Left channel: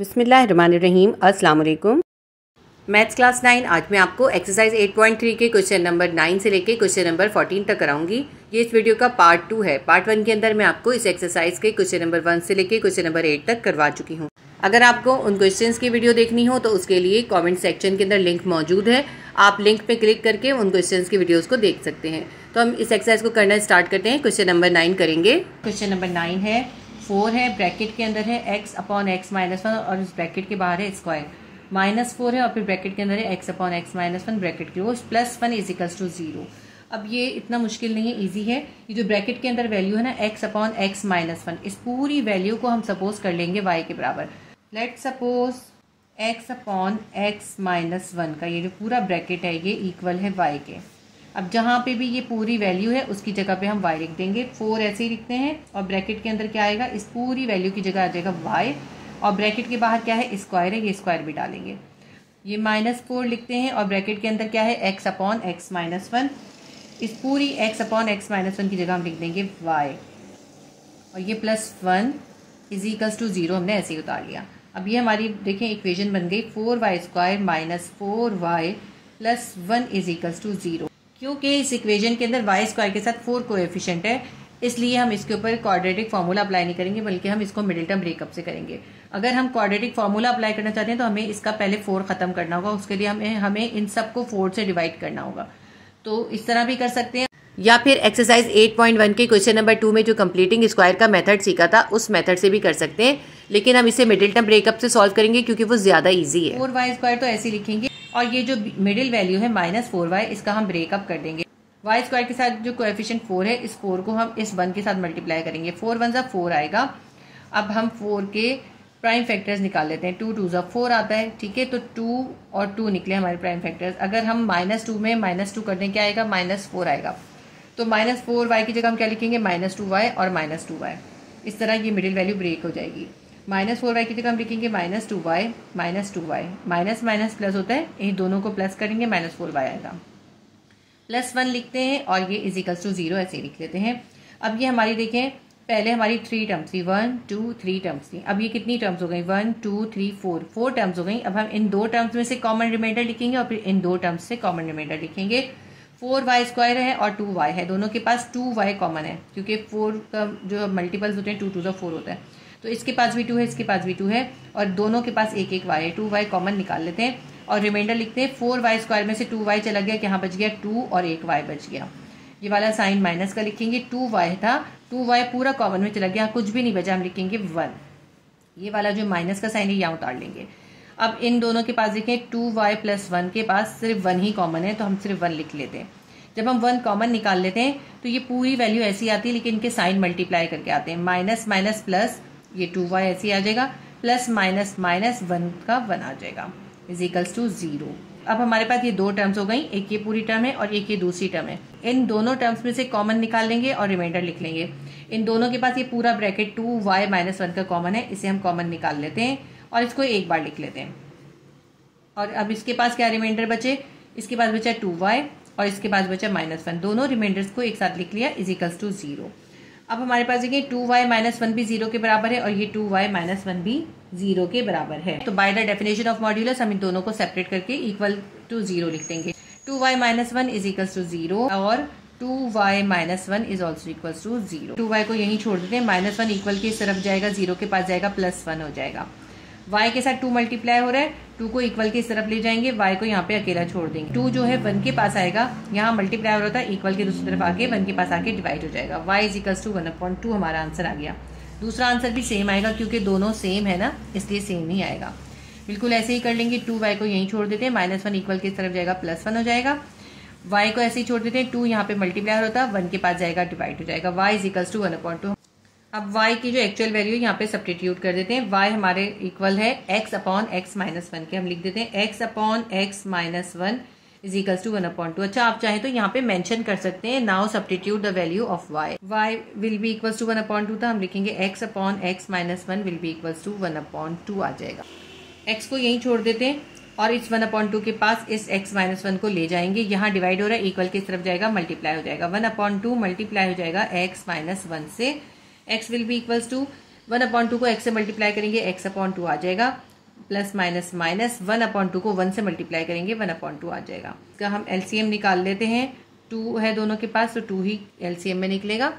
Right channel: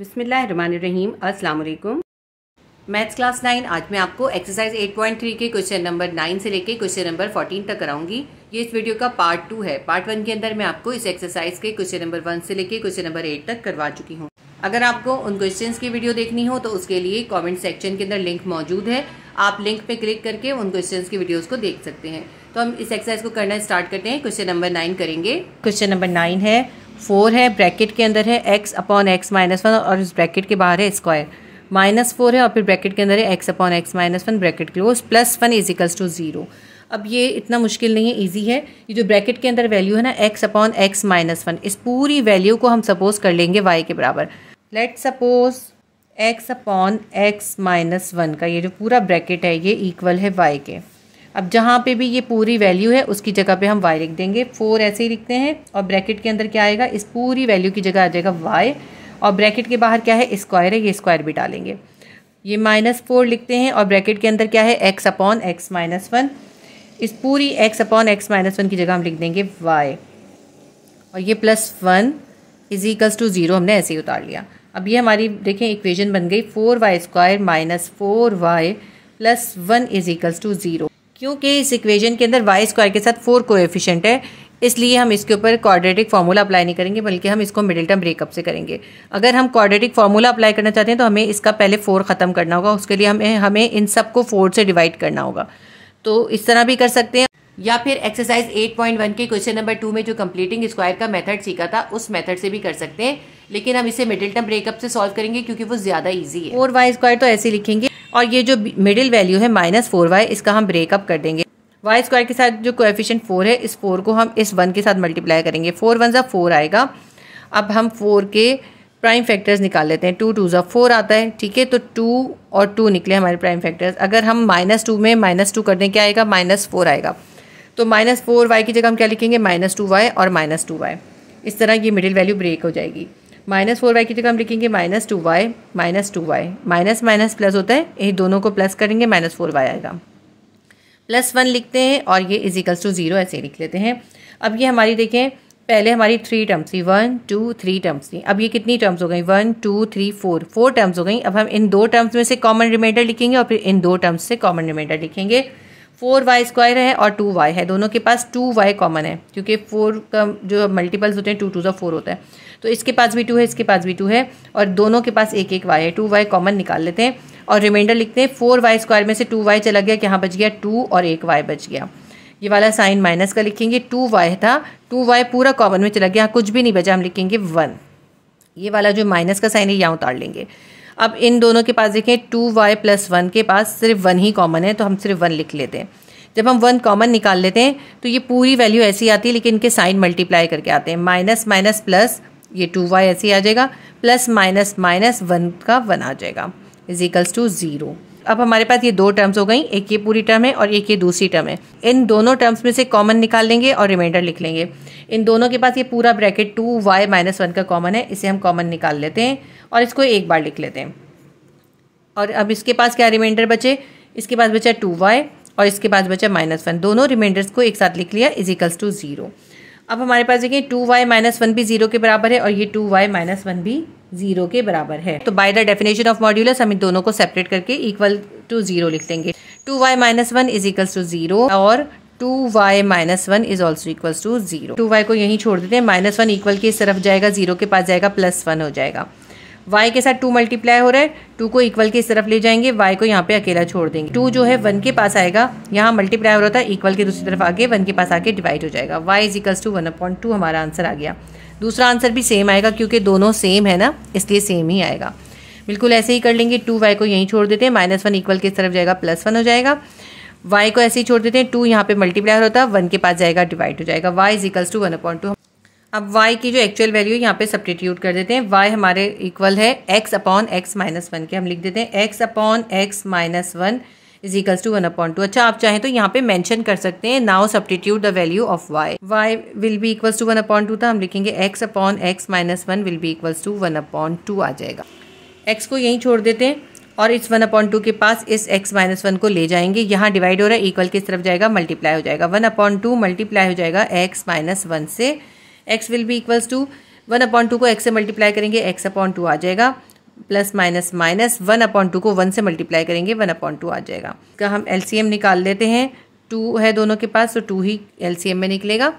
बिस्मिल्लाहिर्रहमानिर्रहीम। अस्सलाम वालेकुम। मैथ्स क्लास 9 आज मैं आपको एक्सरसाइज 8.3 के क्वेश्चन नंबर 9 से लेके क्वेश्चन नंबर 14 तक कराऊंगी। ये इस वीडियो का पार्ट 2 है। पार्ट 1 के अंदर मैं आपको इस एक्सरसाइज के क्वेश्चन नंबर 1 से लेके क्वेश्चन नंबर 8 तक करवा चुकी हूँ। अगर आपको उन क्वेश्चंस की वीडियो देखनी हो तो उसके लिए कमेंट सेक्शन के अंदर लिंक मौजूद है। आप लिंक पे क्लिक करके उन क्वेश्चंस की वीडियोस को देख सकते हैं। तो हम इस एक्सरसाइज को करना स्टार्ट करते हैं। क्वेश्चन नंबर 9 करेंगे। क्वेश्चन नंबर 9 है, 4 है, ब्रैकेट के अंदर है x अपॉन x माइनस 1 और इस ब्रैकेट के बाहर है स्क्वायर, -4 है और फिर ब्रैकेट के अंदर है x upon x minus 1 bracket close +1 is equals to 0। अब ये इतना मुश्किल नहीं है, इजी है। ये जो ब्रैकेट के अंदर वैल्यू है ना x अपॉन x माइनस 1, इस पूरी वैल्यू को हम सपोज कर लेंगे y के बराबर। Let suppose x upon x minus 1 का ये जो पूरा ब्रैकेट है ये इक्वल है y के। अब जहाँ पे भी ये पूरी वैल्यू है उसकी जगह पे हम y लिख देंगे। 4 ऐसे ही लिखते हैं और ब्रैकेट के अंदर क्या आएगा, इस पूरी वैल्यू की जगह आ जाएगा y और ब्रैकेट के बाहर क्या है, स्क्वायर है, ये स्क्वायर भी डालेंगे। ये -4 लिखते हैं और ब्रैकेट के अंदर क्या है, x अपॉन x माइनस 1, इस पूरी x अपॉन x माइनस 1 की जगह हम लिख देंगे y और ये +1 इज इक्वल्स टू 0 हमने ऐसे ही उतार लिया। अब ये हमारी देखें इक्वेशन बन गई 4y square minus 4y plus 1 is equals to 0। क्योंकि इस इक्वेशन के अंदर y स्क्वायर के साथ 4 कोएफिशिएंट है, इसलिए हम इसके ऊपर क्वाड्रेटिक फार्मूला अप्लाई नहीं करेंगे, बल्कि हम इसको मिडिल टर्म ब्रेकअप से करेंगे। अगर हम क्वाड्रेटिक फार्मूला अप्लाई करना चाहते हैं तो हमें इसका पहले 4 ख़त्म करना होगा। उसके लिए हमें इन सबको 4 से डिवाइड करना होगा। तो इस तरह भी कर सकते हैं, या फिर एक्सरसाइज 8.1 के क्वेश्चन नंबर 2 में जो कंप्लीटिंग स्क्वायर का मेथड सीखा था उस मेथड से भी कर सकते हैं, लेकिन हम इसे मिडिल टर्म ब्रेकअप से सॉल्व करेंगे क्योंकि वो ज़्यादा ईजी है। 4y स्क्वायर तो ऐसे लिखेंगे और ये जो मिडिल वैल्यू है -4y, इसका हम ब्रेकअप कर देंगे। y स्क्वायर के साथ जो कोएफिशिएंट 4 है, इस 4 को हम इस 1 के साथ मल्टीप्लाई करेंगे। 4 1 ज़ा 4 आएगा। अब हम 4 के प्राइम फैक्टर्स निकाल लेते हैं। 2 2 ज़ा 4 आता है, ठीक है। तो 2 और 2 निकले हमारे प्राइम फैक्टर्स। अगर हम -2 में -2 कर दें क्या आएगा, -4 आएगा। तो -4y की जगह हम क्या लिखेंगे, -2y और -2y। इस तरह ये मिडिल वैल्यू ब्रेक हो जाएगी। -4y की जगह हम लिखेंगे -2y -2y, minus minus plus होता है, ये दोनों को प्लस करेंगे -4y आएगा। +1 लिखते हैं और ये इज इक्वल्स टू 0 ऐसे लिख लेते हैं। अब ये हमारी देखें, पहले हमारी 3 टर्म्स थी, 1 2 3 टर्म्स थी। अब ये कितनी टर्म्स हो गई, 1 2 3 4 टर्म्स हो गई। अब हम इन 2 टर्म्स में से कॉमन रिमाइंडर लिखेंगे और फिर इन 2 टर्म्स से कॉमन रिमाइंडर लिखेंगे। 4y स्क्वायर है और 2y है, दोनों के पास 2y कॉमन है क्योंकि 4 का जो मल्टीपल्स होते हैं 2 2 ज़ा 4 होता है। तो इसके पास भी 2 है, इसके पास भी 2 है और दोनों के पास एक y है। 2y कॉमन निकाल लेते हैं और रिमाइंडर लिखते हैं। 4y स्क्वायर में से 2y चला गया, यहाँ बच गया 2 और एक y बच गया। ये वाला साइन माइनस का लिखेंगे। 2y था, 2y पूरा कॉमन में चला गया, कुछ भी नहीं बचा, हम लिखेंगे 1। ये वाला जो माइनस का साइन है यहाँ उतार लेंगे। अब इन दोनों के पास देखें 2y प्लस 1 के पास सिर्फ 1 ही कॉमन है, तो हम सिर्फ 1 लिख लेते हैं। जब हम 1 कॉमन निकाल लेते हैं तो ये पूरी वैल्यू ऐसी आती है, लेकिन इनके साइन मल्टीप्लाई करके आते हैं। माइनस माइनस प्लस, ये 2y ऐसे ही आ जाएगा, प्लस माइनस माइनस 1 का 1 आ जाएगा, इज इक्वल्स टू 0। अब हमारे पास ये 2 टर्म्स हो गई, एक ये पूरी टर्म है और एक ये दूसरी टर्म है। इन दोनों टर्म्स में से कॉमन निकाल लेंगे और रिमाइंडर लिख लेंगे। इन दोनों के पास ये पूरा ब्रैकेट 2y माइनस 1 का कॉमन है, इसे हम कॉमन निकाल लेते हैं और इसको एक बार लिख लेते हैं। और अब इसके पास क्या रिमाइंडर बचे, इसके पास बचा 2y और इसके पास बचा -1। दोनों रिमाइंडर्स को एक साथ लिख लिया, इज इक्वल्स टू 0। अब हमारे पास देखिए 2y माइनस 1 भी 0 के बराबर है और ये 2y माइनस 1 भी 0 के बराबर है। तो by the definition of modulus हम इन दोनों को सेपरेट करके इक्वल टू 0 लिख देंगे। 2y minus 1 is equals to 0 और 2y minus 1 is also equals to 0। 2y को यहीं छोड़ देते हैं, -1 इक्वल के इस तरफ जाएगा, 0 के पास जाएगा, +1 हो जाएगा। y के साथ 2 मल्टीप्लाई हो रहा है, 2 को इक्वल के इस तरफ ले जाएंगे, y को यहाँ पे अकेला छोड़ देंगे। 2 जो है 1 के पास आएगा, यहाँ मल्टीप्लाई हो रहा था, इक्वल के दूसरी तरफ आके 1 के पास आके डिवाइड हो जाएगा। y इज इक्वल्स टू 1/2 हमारा आंसर आ गया। दूसरा आंसर भी सेम आएगा क्योंकि दोनों सेम है ना, इसलिए सेम ही आएगा। बिल्कुल ऐसे ही कर लेंगे। 2y को यहीं छोड़ देते हैं, -1 इक्वल के इस तरफ जाएगा, +1 हो जाएगा। y को ऐसे ही छोड़ देते हैं, 2 यहाँ पे मल्टीप्लाई हो रहा था, 1 के पास जाएगा, डिवाइड हो जाएगा। y is equals to 1/2। अब y की जो एक्चुअल वैल्यू यहाँ पे सब्स्टिट्यूट कर देते हैं। y हमारे इक्वल है x अपॉन x माइनस 1 के, हम लिख देते हैं x upon x minus 1 is equals to 1/2। अच्छा, आप चाहें तो यहाँ पे मेंशन कर सकते हैं, now substitute the value of y। y will be equals to 1/2 था, हम लिखेंगे x upon x minus 1 will be equals to 1/2 आ जाएगा। x को यहीं छोड़ देते हैं और इस 1/2 के पास इस x माइनस 1 को ले जाएंगे, यहाँ डिवाइड हो रहा है, इक्वल की तरफ जाएगा, मल्टीप्लाई हो जाएगा। 1/2 मल्टीप्लाई हो जाएगा x माइनस 1 से, x will be equals to 1/2 को x से मल्टीप्लाई करेंगे, x/2 आ जाएगा प्लस माइनस माइनस 1/2 को 1 से मल्टीप्लाई करेंगे 1/2 आ जाएगा। इसका हम एलसीएम निकाल लेते हैं। 2 है दोनों के पास तो 2 ही एलसीएम में निकलेगा।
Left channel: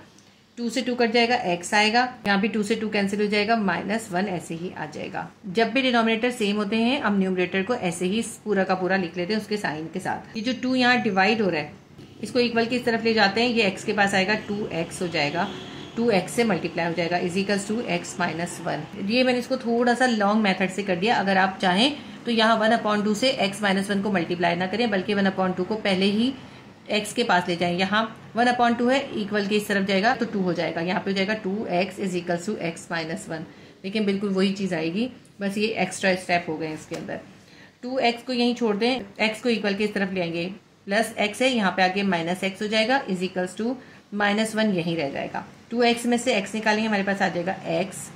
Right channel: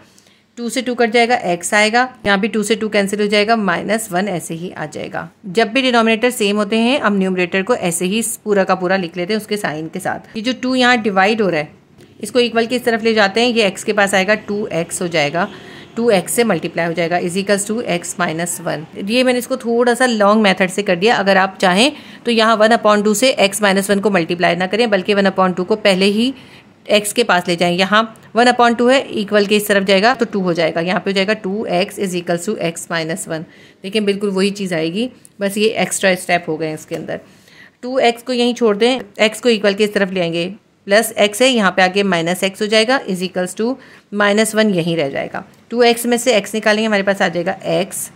2 से 2 कट जाएगा, x आएगा। यहाँ भी 2 से 2 कैंसिल हो जाएगा, -1 ऐसे ही आ जाएगा। जब भी डिनोमिनेटर सेम होते हैं हम न्यूमरेटर को ऐसे ही पूरा का पूरा लिख लेते हैं उसके साइन के साथ। ये जो 2 यहाँ डिवाइड हो रहा है इसको इक्वल की इस तरफ ले जाते हैं। ये x के पास आएगा 2x हो जाएगा, 2x से मल्टीप्लाई हो जाएगा इजिकल्स टू x - 1। ये मैंने इसको थोड़ा सा लॉन्ग मेथड से कर दिया। अगर आप चाहें तो यहाँ 1/2 से x - 1 को मल्टीप्लाई ना करें बल्कि 1/2 को पहले ही x के पास ले जाएं। यहाँ 1/2 है, इक्वल के इस तरफ जाएगा तो 2 हो जाएगा। यहाँ पे हो जाएगा 2x इजिकल्स टू x - 1। देखिए बिल्कुल वही चीज़ आएगी, बस ये एक्स्ट्रा स्टेप हो गए हैं इसके अंदर। 2x को यहीं छोड़ दें, x को इक्वल के इस तरफ ले आएंगे, प्लस x है यहाँ पे आगे -x हो जाएगा इजिकल्स टू -1 यहीं रह जाएगा। 2x में से x निकालेंगे, हमारे पास आ जाएगा x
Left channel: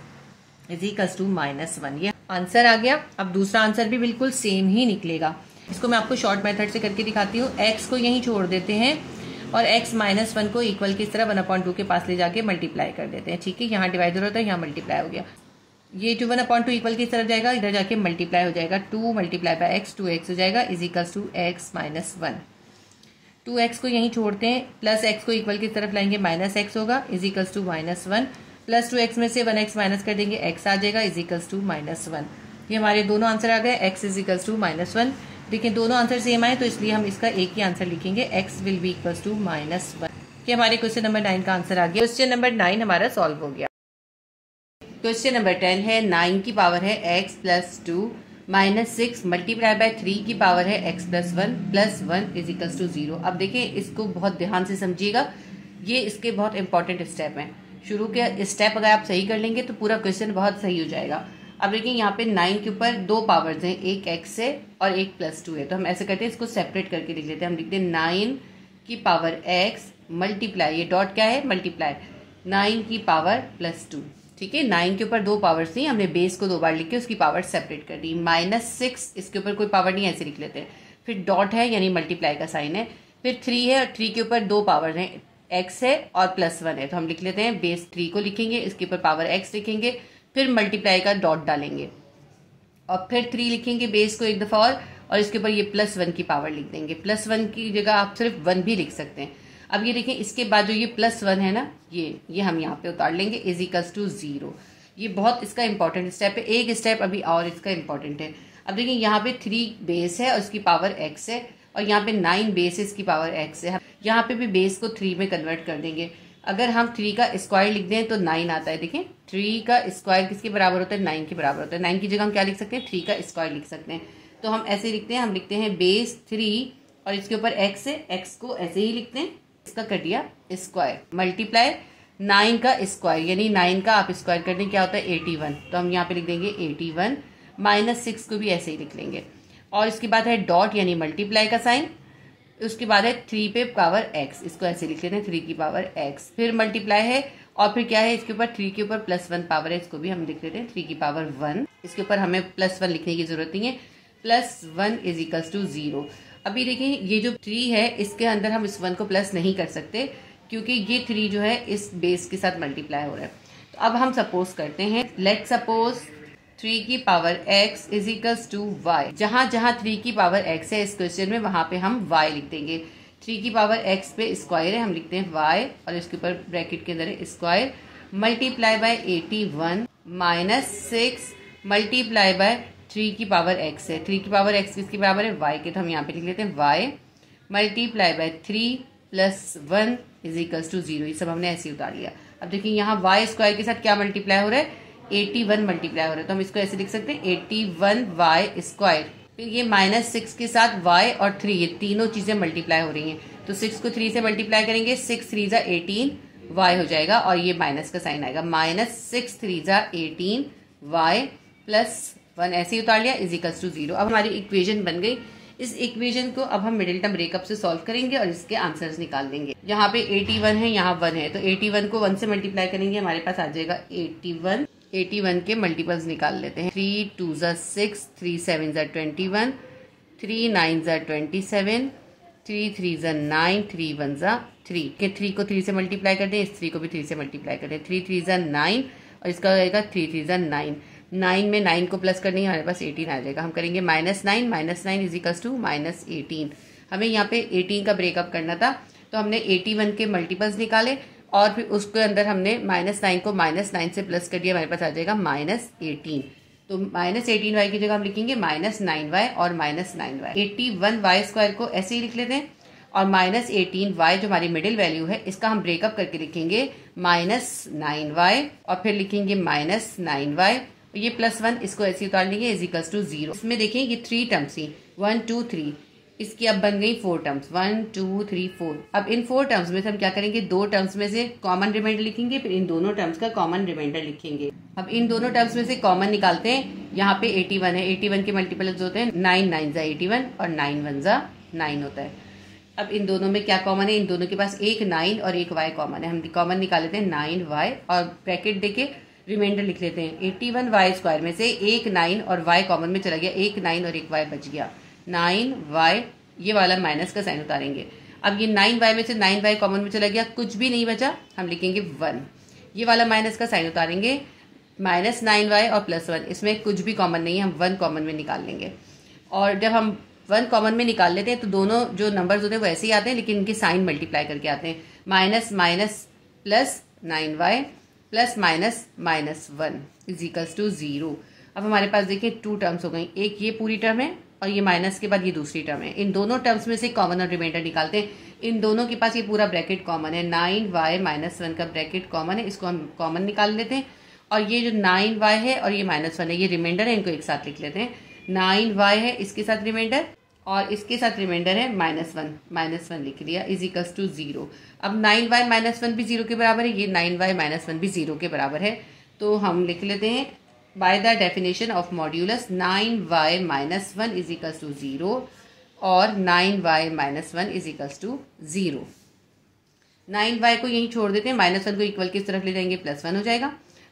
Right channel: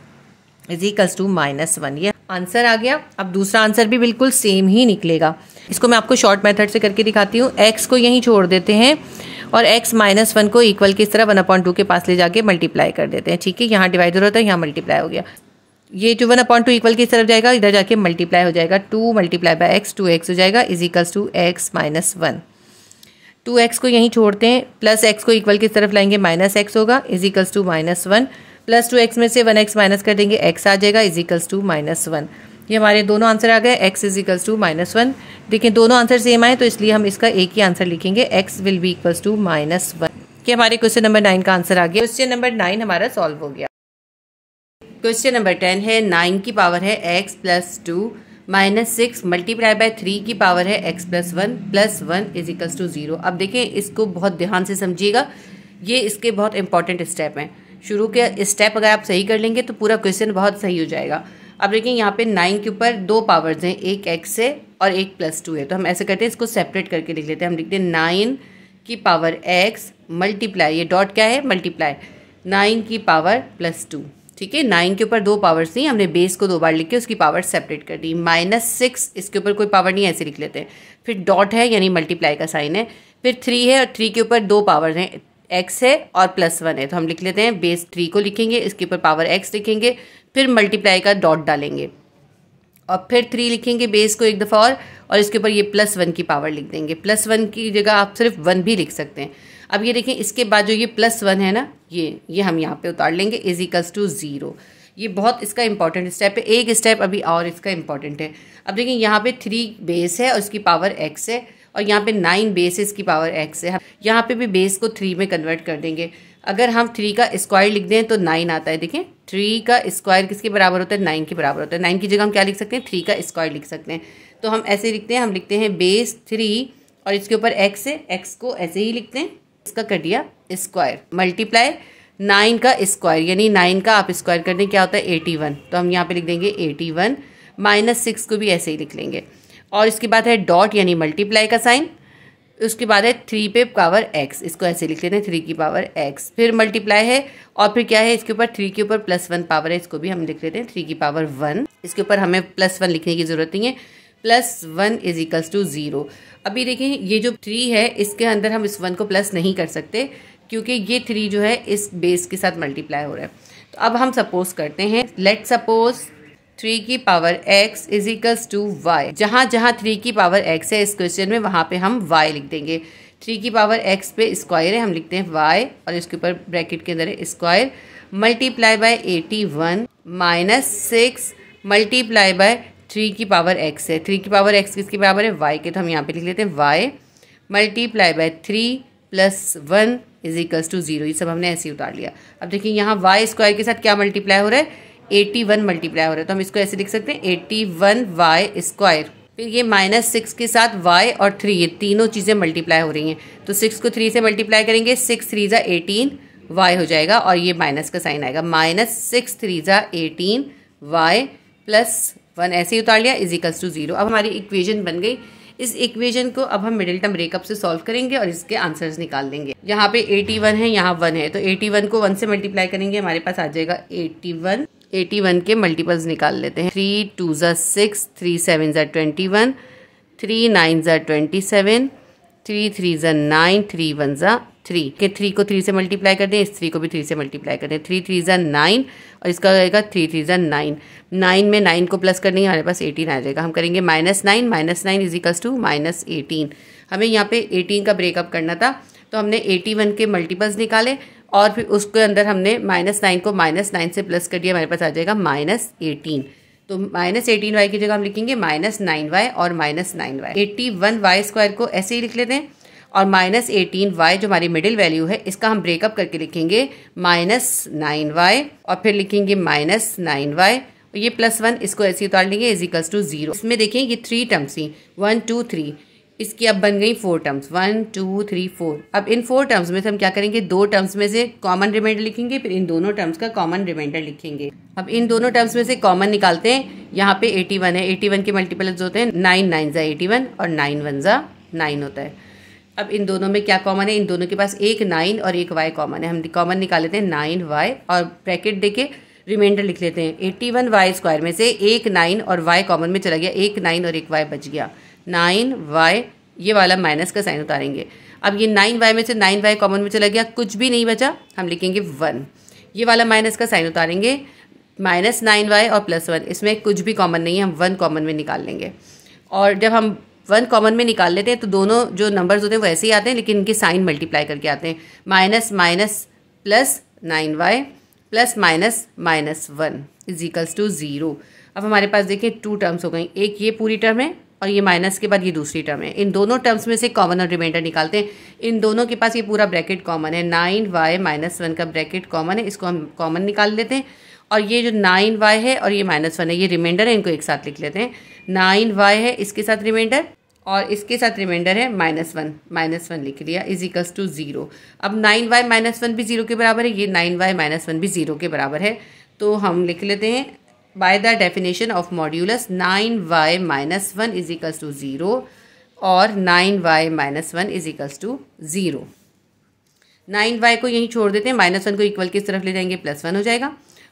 इजिकल्स टू -1। ये आंसर आ गया। अब दूसरा आंसर भी बिल्कुल सेम ही निकलेगा। इसको मैं आपको शॉर्ट मेथड से करके दिखाती हूँ। x को यहीं छोड़ देते हैं और x - 1 को इक्वल की इस तरह 1/2 के पास ले जाके मल्टीप्लाई कर देते हैं। ठीक है, यहाँ डिवाइडर होता है, यहाँ मल्टीप्लाई हो गया। ये जो 1/2 इक्वल की इस तरफ जाएगा, इधर जाके मल्टीप्लाई हो जाएगा। 2 × x 2x हो जाएगा इजिकल्स टू x - 1। 2x को यहीं छोड़ते हैं, प्लस x को इक्वल की तरफ लाएंगे, -x होगा इजिकल्स टू -1। प्लस 2x में से 1x माइनस कर देंगे, x आ जाएगा इजिकल्स टू -1। ये हमारे दोनों आंसर आ गए, x इजिकल्स टू -1। देखिए दोनों आंसर सेम आए तो इसलिए हम इसका एक ही आंसर लिखेंगे, x will be equals to -1। कि हमारे क्वेश्चन नंबर 9 का आंसर आ गया। क्वेश्चन नंबर 9 हमारा सॉल्व हो गया। क्वेश्चन नंबर 10 है 9 की पावर है x + 2 - 6 मल्टीप्लाई बाय 3 की पावर है x + 1 + 1 इजिकल्स टू 0। अब देखिए इसको बहुत ध्यान से समझिएगा, ये इसके बहुत इंपॉर्टेंट स्टेप हैं। शुरू के स्टेप अगर आप सही कर लेंगे तो पूरा क्वेश्चन बहुत सही हो जाएगा। अब देखिए यहाँ पे 9 के ऊपर 2 पावर्स हैं, एक x है और एक +2 है। तो हम ऐसे करते हैं, इसको सेपरेट करके लिख लेते हैं। हम लिखते हैं 9 की पावर x मल्टीप्लाई, ये डॉट क्या है मल्टीप्लाई, 9 की पावर +2। ठीक है, 9 के ऊपर 2 पावर्स नहीं, हमने बेस को 2 बार लिख के उसकी पावर सेपरेट कर दी। -6 इसके ऊपर कोई पावर नहीं, ऐसे लिख लेते हैं। फिर डॉट है यानी मल्टीप्लाई का साइन है। फिर 3 है और 3 के ऊपर 2 पावर्स हैं, x है और +1 है। तो हम लिख लेते हैं बेस 3 को लिखेंगे, इसके ऊपर पावर x लिखेंगे, फिर मल्टीप्लाई का डॉट डालेंगे और फिर 3 लिखेंगे बेस को एक दफ़ा और इसके ऊपर ये +1 की पावर लिख देंगे। +1 की जगह आप सिर्फ 1 भी लिख सकते हैं। अब ये देखें इसके बाद जो ये +1 है ना, ये हम यहाँ पे उतार लेंगे इजिकल्स टू 0। ये बहुत इसका इंपॉर्टेंट स्टेप है। एक स्टेप अभी और इसका इंपॉर्टेंट है। अब देखिए यहाँ पे 3 बेस है और इसकी पावर x है और यहाँ पे 9 बेस है, इसकी पावर x है। यहाँ पे भी बेस को 3 में कन्वर्ट कर देंगे। अगर हम 3 का स्क्वायर लिख दें तो 9 आता है। देखिए 3 का स्क्वायर किसके बराबर होता है, 9 के बराबर होता है। 9 की जगह हम क्या लिख सकते हैं, 3 का स्क्वायर लिख सकते हैं। तो हम ऐसे लिखते हैं, हम लिखते हैं बेस 3 और इसके ऊपर x है, x को ऐसे ही लिखते हैं, इसका कर दिया स्क्वायर मल्टीप्लाई 9 का स्क्वायर यानी 9 का आप स्क्वायर कर दें क्या होता है 81। तो हम यहाँ पे लिख देंगे 81 -6 को भी ऐसे ही लिख लेंगे और इसके बाद है डॉट यानी मल्टीप्लाई का साइन। उसके बाद है 3 पे पावर x, इसको ऐसे लिख लेते हैं 3 की पावर x। फिर मल्टीप्लाई है और फिर क्या है इसके ऊपर 3 के ऊपर +1 पावर है, इसको भी हम लिख लेते हैं 3 की पावर 1। इसके ऊपर हमें +1 लिखने की जरूरत नहीं है, +1 इजिकल्स टू 0। अभी देखिए ये जो 3 है इसके अंदर हम इस 1 को प्लस नहीं कर सकते क्योंकि ये 3 जो है इस बेस के साथ मल्टीप्लाई हो रहा है। तो अब हम सपोज करते हैं, लेट सपोज 3 की power x equals to y। जहां जहां 3 की पावर x है इस क्वेश्चन में वहां पे हम y लिख देंगे। 3 की पावर x पे स्क्वायर है, हम लिखते हैं y और इसके ऊपर ब्रैकेट के अंदर है square multiply by 81 -6 multiply by 3 की पावर x है। 3 की पावर x किसकी बराबर है y के, तो हम यहाँ पे लिख लेते हैं y multiply by 3 + 1 equals to 0। ये सब हमने ऐसे ही उतार लिया। अब देखिए यहाँ y स्क्वायर के साथ क्या मल्टीप्लाई हो रहा है, 81 मल्टीप्लाई हो रहा है। तो हम इसको ऐसे लिख सकते हैं 81y स्क्वायर। फिर ये -6 के साथ y और 3 ये तीनों चीज़ें मल्टीप्लाई हो रही हैं। तो 6 को 3 से मल्टीप्लाई करेंगे, 6 3 = 18 y हो जाएगा और ये माइनस का साइन आएगा, -6 3 = 18 y + 1 ऐसे ही उतार लिया इजिकल्स टू 0। अब हमारी इक्वेशन बन गई। इस इक्वेशन को अब हम मिडिल टर्म ब्रेकअप से सॉल्व करेंगे और इसके आंसर्स निकाल देंगे। यहाँ पे 81 है, यहाँ 1 है, तो 81 को 1 से मल्टीप्लाई करेंगे, हमारे पास आ जाएगा 81। 81 के मल्टीपल्स निकाल लेते हैं। 3 2 = 6, 3 7 = 21, 3 9 = 27, 3 3 = 9, 3 1 = 3 के 3 को 3 से मल्टीप्लाई कर दें, इस 3 को भी 3 से मल्टीप्लाई कर दें, 3 3 = 9 और इसका आएगा 3 3 ज़ा 9। 9 में 9 को प्लस करने हमारे पास 18 आ जाएगा। हम करेंगे -9 इज इक्वल्स टू -18। हमें यहाँ पे 18 का ब्रेकअप करना था, तो हमने 81 के मल्टीपल्स निकाले और फिर उसके अंदर हमने -9 को -9 से प्लस कर दिया, हमारे पास आ जाएगा -18। तो -18y की जगह हम लिखेंगे -9y और -9y। 81y² को ऐसे ही लिख लेते हैं और -18y जो हमारी मिडिल वैल्यू है इसका हम ब्रेकअप करके लिखेंगे -9y और फिर लिखेंगे -9y, ये +1 इसको ऐसे उतार लेंगे इज इक्वल्स टू 0। इसमें देखिए ये 3 टर्म्स थी 1 2 3, इसकी अब बन गई 4 टर्म्स 1 2 3 4। अब इन 4 टर्म्स में से हम क्या करेंगे, 2 टर्म्स में से कॉमन रिमाइंडर लिखेंगे, फिर इन दोनों टर्म्स का कॉमन रिमाइंडर लिखेंगे। अब इन दोनों टर्म्स में से कॉमन निकालते हैं। यहाँ पे 81 है, 81 के मल्टीपल्स होते हैं 9 9 ज़ा 81 और 9 1 ज़ा 9 होता है। अब इन दोनों में क्या कॉमन है, इन दोनों के पास एक 9 और एक y कॉमन है। हम कॉमन निकाल लेते हैं 9y और ब्रैकेट देके रिमाइंडर लिख लेते हैं। 81y² में से एक 9 और y कॉमन में चला गया, एक 9 और एक y बच गया 9y, ये वाला माइनस का साइन उतारेंगे। अब ये 9y में से 9y कॉमन में चला गया, कुछ भी नहीं बचा, हम लिखेंगे 1, ये वाला माइनस का साइन उतारेंगे -9y और +1, इसमें कुछ भी कॉमन नहीं है, हम 1 कॉमन में निकाल लेंगे। और जब हम 1 कॉमन में निकाल लेते हैं तो दोनों जो नंबर्स होते हैं वो ऐसे ही आते हैं, लेकिन इनके साइन मल्टीप्लाई करके आते हैं, minus minus plus 9y plus minus -1 is equals to 0। अब हमारे पास देखिए 2 टर्म्स हो गई, एक ये पूरी टर्म है और ये माइनस के बाद ये दूसरी टर्म है। इन दोनों टर्म्स में से कॉमन और रिमाइंडर निकालते हैं। इन दोनों के पास ये पूरा ब्रैकेट कॉमन है, 9y -1 का ब्रैकेट कॉमन है, इसको हम कॉमन निकाल लेते हैं। और ये जो 9y है और ये -1 है, ये रिमाइंडर है, इनको एक साथ लिख लेते हैं। 9y है, इसके साथ रिमाइंडर और इसके साथ रिमाइंडर है -1 लिख लिया इज इक्वल्स टू 0। अब 9y -1 भी 0 के बराबर है, ये 9y -1 भी 0 के बराबर है, तो हम लिख लेते हैं by the definition of modulus 9y -1 is equals to 0 और 9y -1 is equals to 0। 9y को यहीं छोड़ देते हैं, -1 को इक्वल की तरफ ले जाएंगे, +1 हो जाएगा।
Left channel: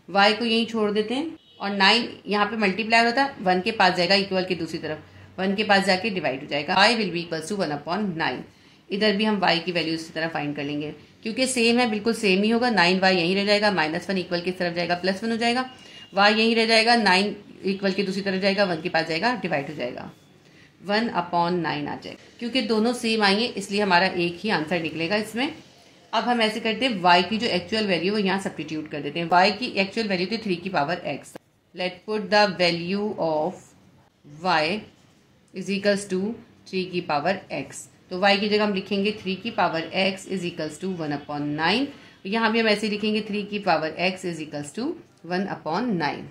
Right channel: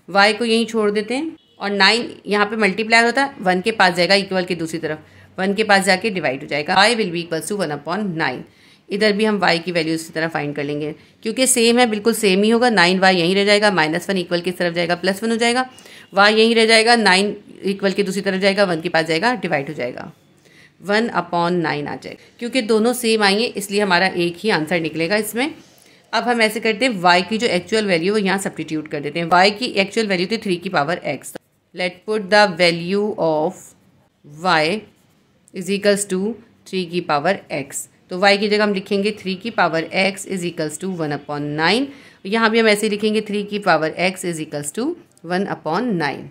y को यहीं छोड़ देते हैं और 9 यहाँ पे मल्टीप्लाई होता है, 1 के पास जाएगा इक्वल की दूसरी तरफ, 1 के पास जाके डिवाइड हो जाएगा, y will be equals to 1/9। इधर भी हम y की वैल्यू इसी तरह फाइंड कर लेंगे, क्योंकि सेम है, बिल्कुल सेम ही होगा। 9y यहीं रह जाएगा, -1 इक्वल की तरफ जाएगा, +1 हो जाएगा, y यहीं रह जाएगा, 9 इक्वल की दूसरी तरफ जाएगा, 1 के पास जाएगा, डिवाइड हो जाएगा, 1/9 आ जाएगा। क्योंकि दोनों सेम आएंगे इसलिए हमारा एक ही आंसर निकलेगा इसमें। अब हम ऐसे करते हैं, y की जो एक्चुअल वैल्यू है यहाँ सब्स्टिट्यूट कर देते हैं। y की एक्चुअल वैल्यू थी 3 की power x। Let put the value of y is equals to 3 की पावर x। तो y की जगह हम लिखेंगे 3 की power x is equals to 1/9। यहाँ भी हम ऐसे लिखेंगे 3 की power x is equals to 1/9।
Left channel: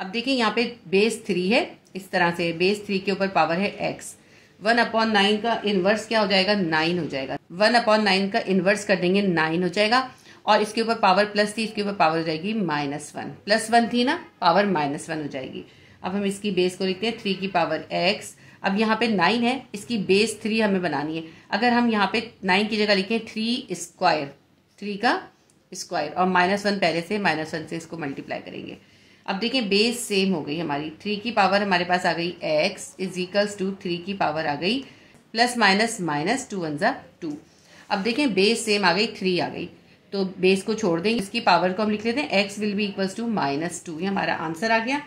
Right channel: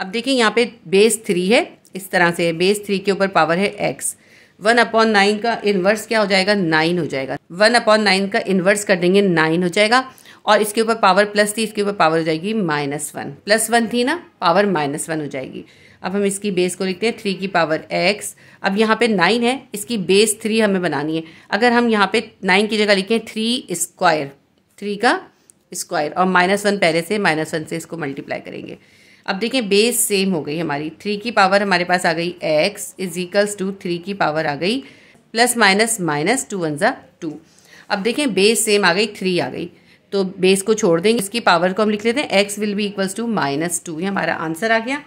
अब देखिए यहाँ पे बेस 3 है, इस तरह से बेस 3 के ऊपर पावर है x। 1/9 का इन्वर्स क्या हो जाएगा, 9 हो जाएगा। 1/9 का इन्वर्स कर देंगे, 9 हो जाएगा। और इसके ऊपर पावर प्लस थी, इसके ऊपर पावर हो जाएगी -1, +1 थी ना, पावर -1 हो जाएगी। अब हम इसकी बेस को लिखते हैं 3 की पावर x। अब यहाँ पे 9 है, इसकी बेस 3 हमें बनानी है। अगर हम यहाँ पे 9 की जगह लिखें 3² 3 का स्क्वायर और -1 पहले से, -1 से इसको मल्टीप्लाई करेंगे। अब देखें बेस सेम हो गई हमारी, 3 की पावर हमारे पास आ गई x इज इक्वल्स टू 3 की पावर आ गई प्लस माइनस माइनस 2 1 ज़ा 2। अब देखें बेस सेम आ गई, 3 आ गई, तो बेस को छोड़ देंगे, इसकी पावर को हम लिख लेते हैं x will be equals to -2। ये हमारा आंसर आ गया।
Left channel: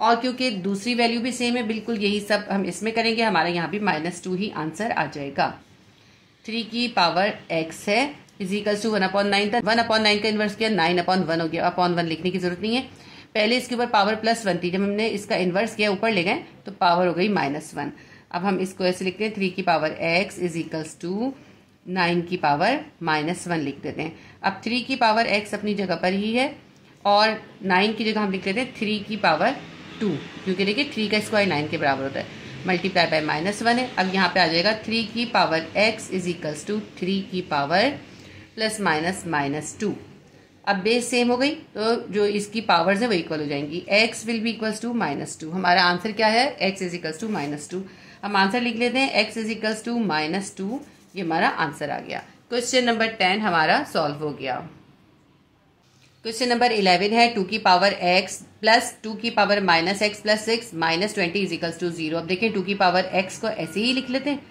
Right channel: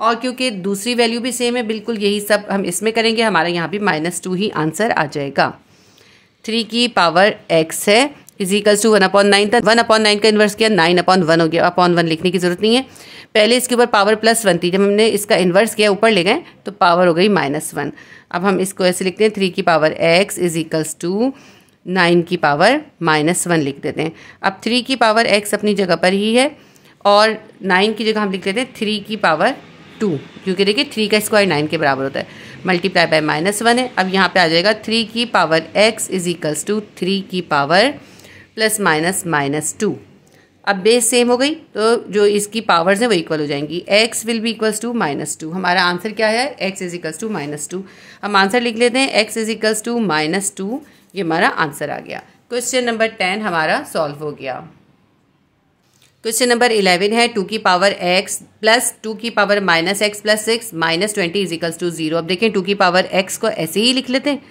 और क्योंकि दूसरी वैल्यू भी सेम है, बिल्कुल यही सब हम इसमें करेंगे, हमारा यहाँ भी -2 ही आंसर आ जाएगा। 3 की पावर x है इज इक्वल्स टू 1/9 था, 1/9 का इन्वर्स किया 9/1 हो गया। 1 लिखने की जरूरत नहीं है, पहले इसके ऊपर पावर +1 थी, जब हमने इसका इन्वर्स किया ऊपर ले गए तो पावर हो गई -1। अब हम इसको ऐसे लिखते हैं 3 की power x is equals to 9 की पावर -1 लिख देते हैं। अब 3 की पावर x अपनी जगह पर ही है और 9 की जगह हम लिख लेते हैं 3 की पावर 2, क्योंकि देखिए 3 का स्क्वायर 9 के बराबर होता है, मल्टीप्लाई बाय -1 है। अब यहाँ पे आ जाएगा 3 की power x is equals to 3 की पावर प्लस माइनस -2। अब बेस सेम हो गई तो जो इसकी पावर्स है वो इक्वल हो जाएंगी, x will be equals to -2। हमारा आंसर क्या है, x इज इक्वल्स टू -2। हम आंसर लिख लेते हैं x इज इक्वल्स टू -2, ये हमारा आंसर आ गया। क्वेश्चन नंबर 10 हमारा सॉल्व हो गया। क्वेश्चन नंबर 11 है 2 की पावर x प्लस 2 की power -x plus 6 -20 is equals to 0। अब देखें 2 की पावर x को ऐसे ही लिख लेते हैं,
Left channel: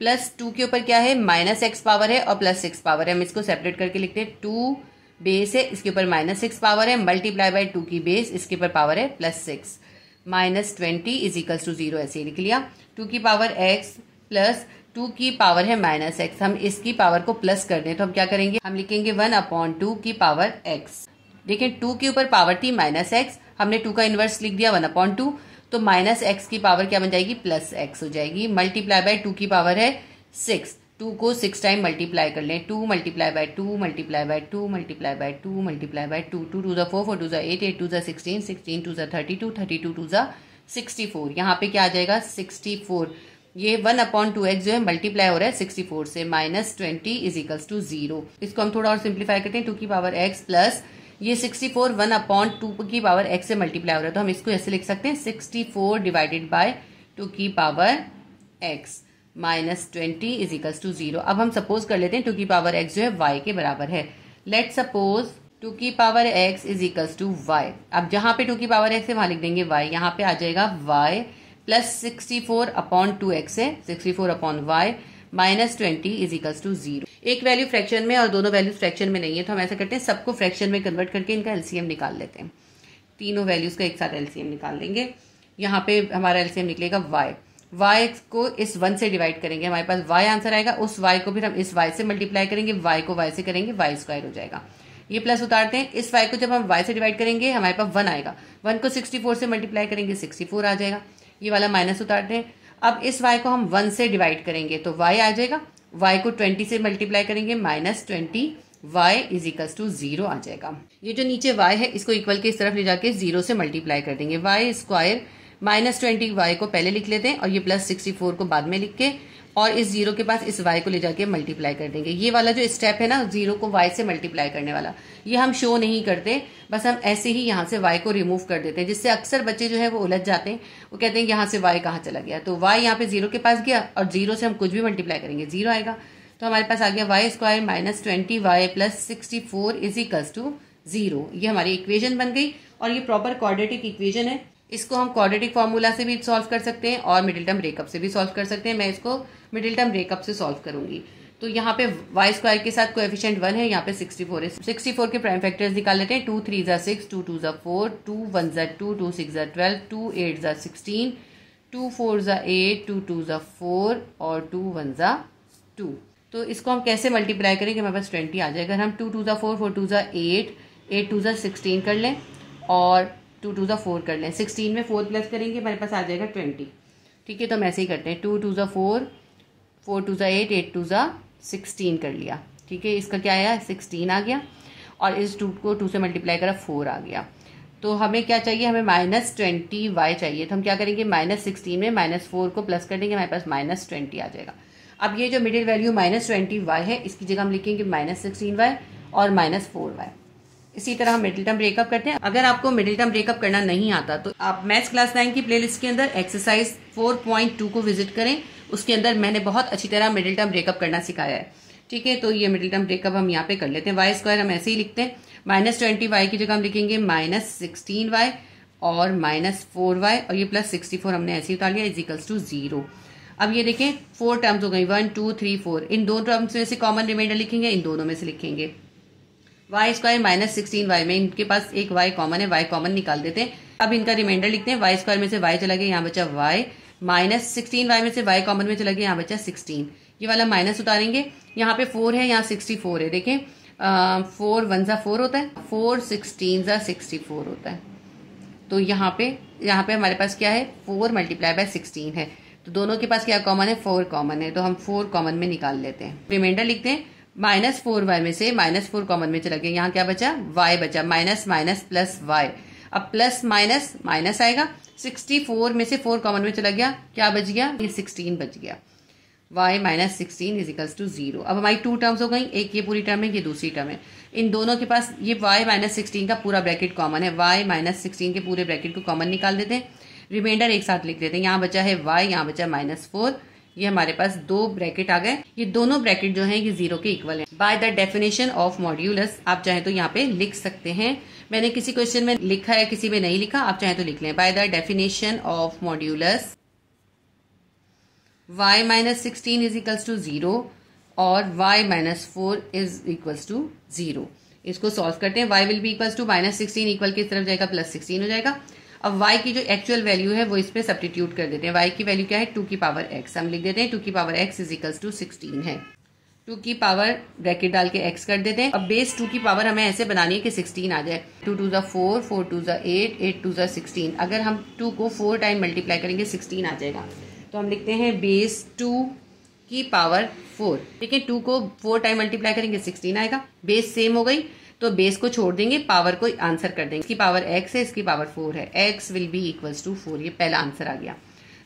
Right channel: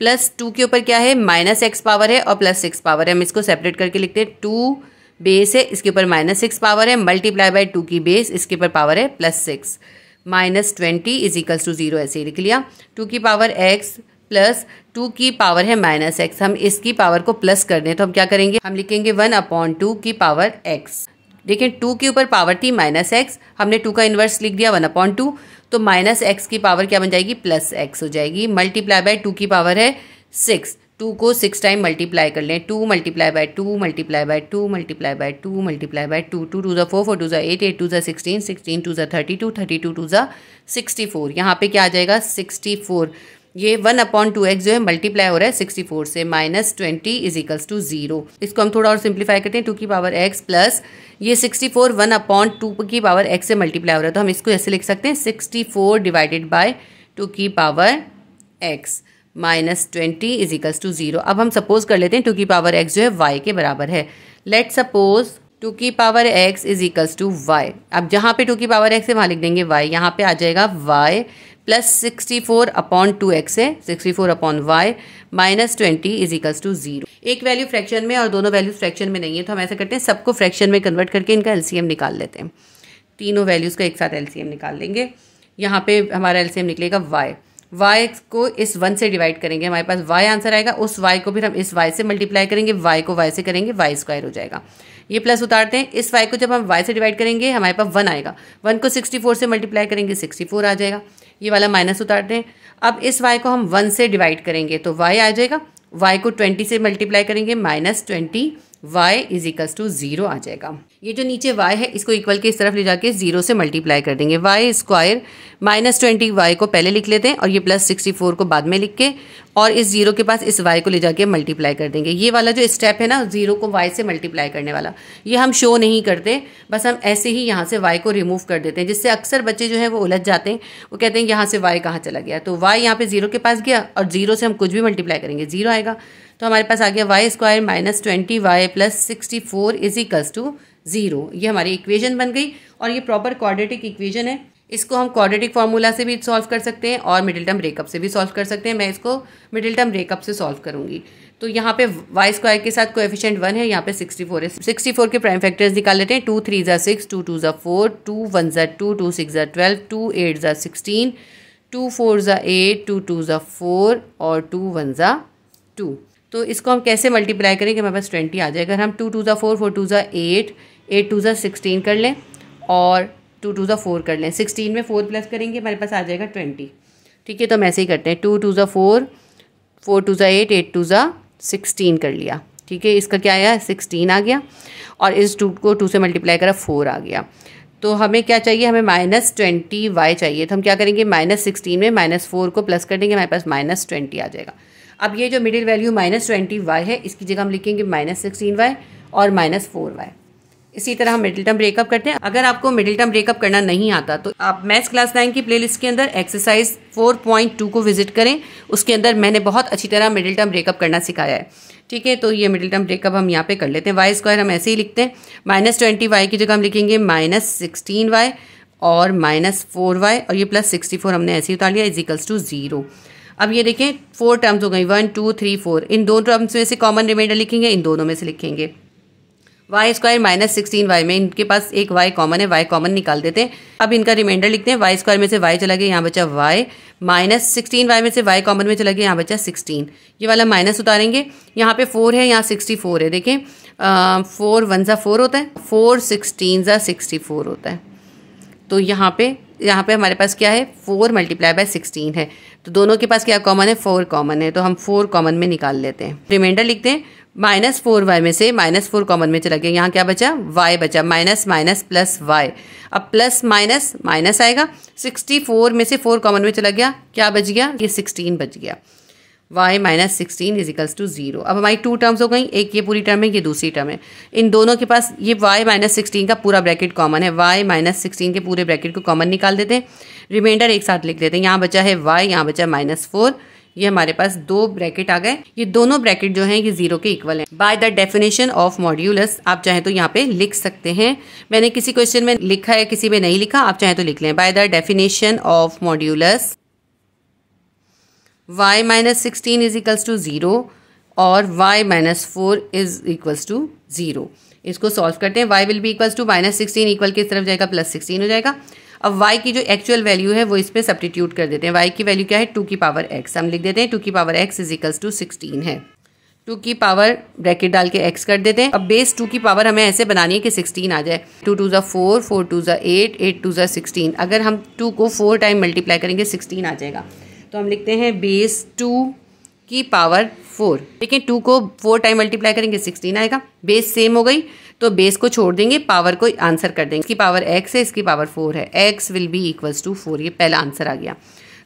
प्लस 2 के ऊपर क्या है -x पावर है और +6 पावर है, हम इसको सेपरेट करके लिखते हैं 2 बेस है, इसके ऊपर -6 पावर है, मल्टीप्लाई बाय 2 की बेस, इसके ऊपर पावर है +6, -20 इज इक्वल्स टू 0 ऐसे ही लिख लिया। 2 की पावर x प्लस 2 की पावर है -x, हम इसकी पावर को प्लस कर दें तो हम क्या करेंगे, हम लिखेंगे 1/2 की पावर x। देखिए 2 के ऊपर पावर थी -x, हमने 2 का इन्वर्स लिख दिया 1/2, तो -x की पावर क्या बन जाएगी, +x हो जाएगी, मल्टीप्लाई बाय 2 की पावर है 6, 2 को 6 टाइम मल्टीप्लाई कर लें, 2 multiply bye 2 multiply bye 2 multiply bye 2 multiply bye 2, 2 2 4, 4 2 8, 8 2 16, 16 2 32, 32 2 64, यहाँ पे क्या आ जाएगा 64। ये 1/2x जो है मल्टीप्लाई हो रहा है 64 से, -20 इज इक्वल्स टू 0। इसको हम थोड़ा और सिंप्लीफाई करते हैं, 2 की पावर x प्लस ये 64 1/2 की पावर x से मल्टीप्लाई हो रहा है, तो हम इसको ऐसे लिख सकते हैं 64 डिवाइडेड बाय 2 की power x -20 is equals to 0। अब हम सपोज कर लेते हैं 2 की पावर x जो है y के बराबर है। लेट सपोज 2 की power x is equals to y। अब जहाँ पे 2 की पावर x है वहाँ लिख देंगे y, यहाँ पे आ जाएगा y प्लस 64/2x है, 64/y -20 इज इक्वल्स टू 0। एक वैल्यू फ्रैक्शन में और दोनों वैल्यूज फ्रैक्शन में नहीं है, तो हम ऐसा करते हैं सबको फ्रैक्शन में कन्वर्ट करके इनका एलसीएम निकाल लेते हैं। तीनों वैल्यूज का एक साथ एलसीएम निकाल लेंगे। यहाँ पे हमारा एलसीएम निकलेगा y को इस 1 से डिवाइड करेंगे, हमारे पास y आंसर आएगा, उस y को फिर हम इस y से मल्टीप्लाई करेंगे, y को y से करेंगे, y² हो जाएगा। ये प्लस उतारते हैं, इस y को जब हम y से डिवाइड करेंगे हमारे पास 1 आएगा, 1 को 64 से मल्टीप्लाई करेंगे 64 आ जाएगा। ये वाला माइनस उतारते हैं, अब इस y को हम 1 से डिवाइड करेंगे तो y आ जाएगा, y को 20 से मल्टीप्लाई करेंगे -20, y इज इक्वल्स टू 0 आ जाएगा। ये जो नीचे y है इसको इक्वल के इस तरफ ले जाके 0 से मल्टीप्लाई कर देंगे, y² -20y को पहले लिख लेते हैं और ये +64 को बाद में लिख के, और इस 0 के पास इस y को ले जाके मल्टीप्लाई कर देंगे। ये वाला जो स्टेप है ना 0 को y से मल्टीप्लाई करने वाला, ये हम शो नहीं करते, बस हम ऐसे ही यहाँ से y को रिमूव कर देते हैं, जिससे अक्सर बच्चे जो है वो उलझ जाते हैं, वो कहते हैं यहाँ से y कहाँ चला गया, तो y यहाँ पे 0 के पास गया और 0 से हम कुछ भी मल्टीप्लाई करेंगे 0 आएगा, तो हमारे पास आ गया y² -20y plus 64 is equals to 0। ये हमारी इक्वेशन बन गई और ये प्रॉपर क्वाड्रेटिक इक्वेशन है। इसको हम क्वाड्रेटिक फार्मूला से भी सॉल्व कर सकते हैं और मिडिल टर्म ब्रेकअप से भी सॉल्व कर सकते हैं। मैं इसको मिडिल टर्म ब्रेकअप से सॉल्व करूंगी। तो यहाँ पे y² के साथ कोएफिशिएंट 1 है, यहाँ पे 64 है। 64 के प्राइम फैक्टर्स निकाल लेते हैं, 2 3 ज़ा 6, 2 2 ज़ा 4, 2 1 ज़ा 2, 2 6 ज़ा 12, 2 8 ज़ा 16, 2 4 ज़ा 8, 2 2 ज़ा 4 और 2 1 ज़ा 2। तो इसको हम कैसे मल्टीप्लाई करेंगे, हमारे पास 20 आ जाएगा। हम 2 2 ज़ा 4, 4 2 ज़ा 8, 8 2 ज़ा 16 कर लें और 2 2 ज़ा 4 कर लें, 16 में 4 प्लस करेंगे हमारे पास आ जाएगा 20। ठीक है, तो हम ऐसे ही करते हैं, 2 2 ज़ा 4, 4 2 ज़ा 8, 8 2 ज़ा 16 कर लिया। ठीक है, इसका क्या आया 16 आ गया और इस 2 को 2 से मल्टीप्लाई करा 4 आ गया। तो हमें क्या चाहिए, हमें -20y चाहिए, तो हम क्या करेंगे -16 में -4 को प्लस कर देंगे, हमारे पास -20 आ जाएगा। अब ये जो मिडिल वैल्यू -20y है इसकी जगह हम लिखेंगे -16y और -4y। इसी तरह हम मिडिल टर्म ब्रेकअप करते हैं। अगर आपको मिडिल टर्म ब्रेकअप करना नहीं आता तो आप मैथ्स क्लास 9 की प्लेलिस्ट के अंदर एक्सरसाइज 4.2 को विजिट करें, उसके अंदर मैंने बहुत अच्छी तरह मिडिल टर्म ब्रेकअप करना सिखाया है। ठीक है, तो ये मिडिल टर्म ब्रेकअप हम यहाँ पे कर लेते हैं। y² हम ऐसे ही लिखते हैं, -20y की जगह हम लिखेंगे -16y और -4y और ये +64 हमने ऐसे ही उतार लिया इज इक्वल्स टू 0। अब ये देखें 4 टर्म्स हो गई, 1 2 3 4, इन दो टर्म्स में से कॉमन रिमाइंडर लिखेंगे, इन दोनों में से लिखेंगे। y² -16y में इनके पास एक y कॉमन है, y कॉमन निकाल देते हैं। अब इनका रिमाइंडर लिखते हैं, y² में से y चला गया, यहाँ बचा y, -16y में से y कॉमन में चला गया, यहाँ बचा 16। ये वाला माइनस उतारेंगे, यहाँ पे 4 है, यहाँ 64 है। देखें 4 1 ज़ा 4 होता है, 4 16 ज़ा 64 होता है। तो यहाँ पे हमारे पास क्या है 4 मल्टीप्लाई बाय 16 है, तो दोनों के पास क्या कॉमन है 4 कॉमन है, तो हम 4 कॉमन में निकाल लेते हैं। रिमाइंडर लिखते हैं, -4y में से -4 कॉमन में चला गया, यहाँ क्या बचा y बचा, माइनस माइनस प्लस y। अब प्लस माइनस माइनस आएगा, 64 में से 4 कॉमन में चला गया, क्या बच गया ये 16 बच गया। y -16 is equals to 0। अब हमारी 2 टर्म्स हो गई, एक ये पूरी टर्म है, ये दूसरी टर्म है। इन दोनों के पास ये y -16 का पूरा ब्रैकेट कॉमन है, y -16 के पूरे ब्रैकेट को कॉमन निकाल देते हैं। रिमाइंडर एक साथ लिख देते हैं, यहाँ बचा है y, यहाँ बचा -4, ये हमारे पास 2 ब्रैकेट आ गए। ये दोनों ब्रैकेट जो हैं ये 0 के इक्वल हैं। By the definition of modulus, आप चाहें तो यहाँ पे लिख सकते हैं, मैंने किसी क्वेश्चन में लिखा है किसी में नहीं लिखा, आप चाहें तो लिख लें। By the definition of modulus y -16 is equals to 0 और y -4 इज इक्वल्स टू 0। इसको सॉल्व करते हैं। y will be equals to -16 equal किस तरफ जाएगा, +16 हो जाएगा। अब y की जो एक्चुअल वैल्यू है वो इस पे सब्स्टिट्यूट कर देते हैं। y की वैल्यू क्या है, 2 की पावर x, हम लिख देते हैं 2 की power x is equals to 16 है। 2 की पावर ब्रैकेट डाल के x कर देते हैं। अब बेस 2 की पावर हमें ऐसे बनानी है कि 16 आ जाए। 2 2 ज़ा 4, 4 2 ज़ा 8, 8 2 ज़ा 16। अगर हम 2 को 4 टाइम मल्टीप्लाई करेंगे 16 आ जाएगा। तो हम लिखते हैं बेस 2 की पावर 4। देखिए 2 को 4 टाइम मल्टीप्लाई करेंगे 16 आएगा। बेस सेम हो गई तो बेस को छोड़ देंगे, पावर को आंसर कर देंगे। इसकी पावर x है, इसकी पावर 4 है। x will be equals to 4, ये पहला आंसर आ गया।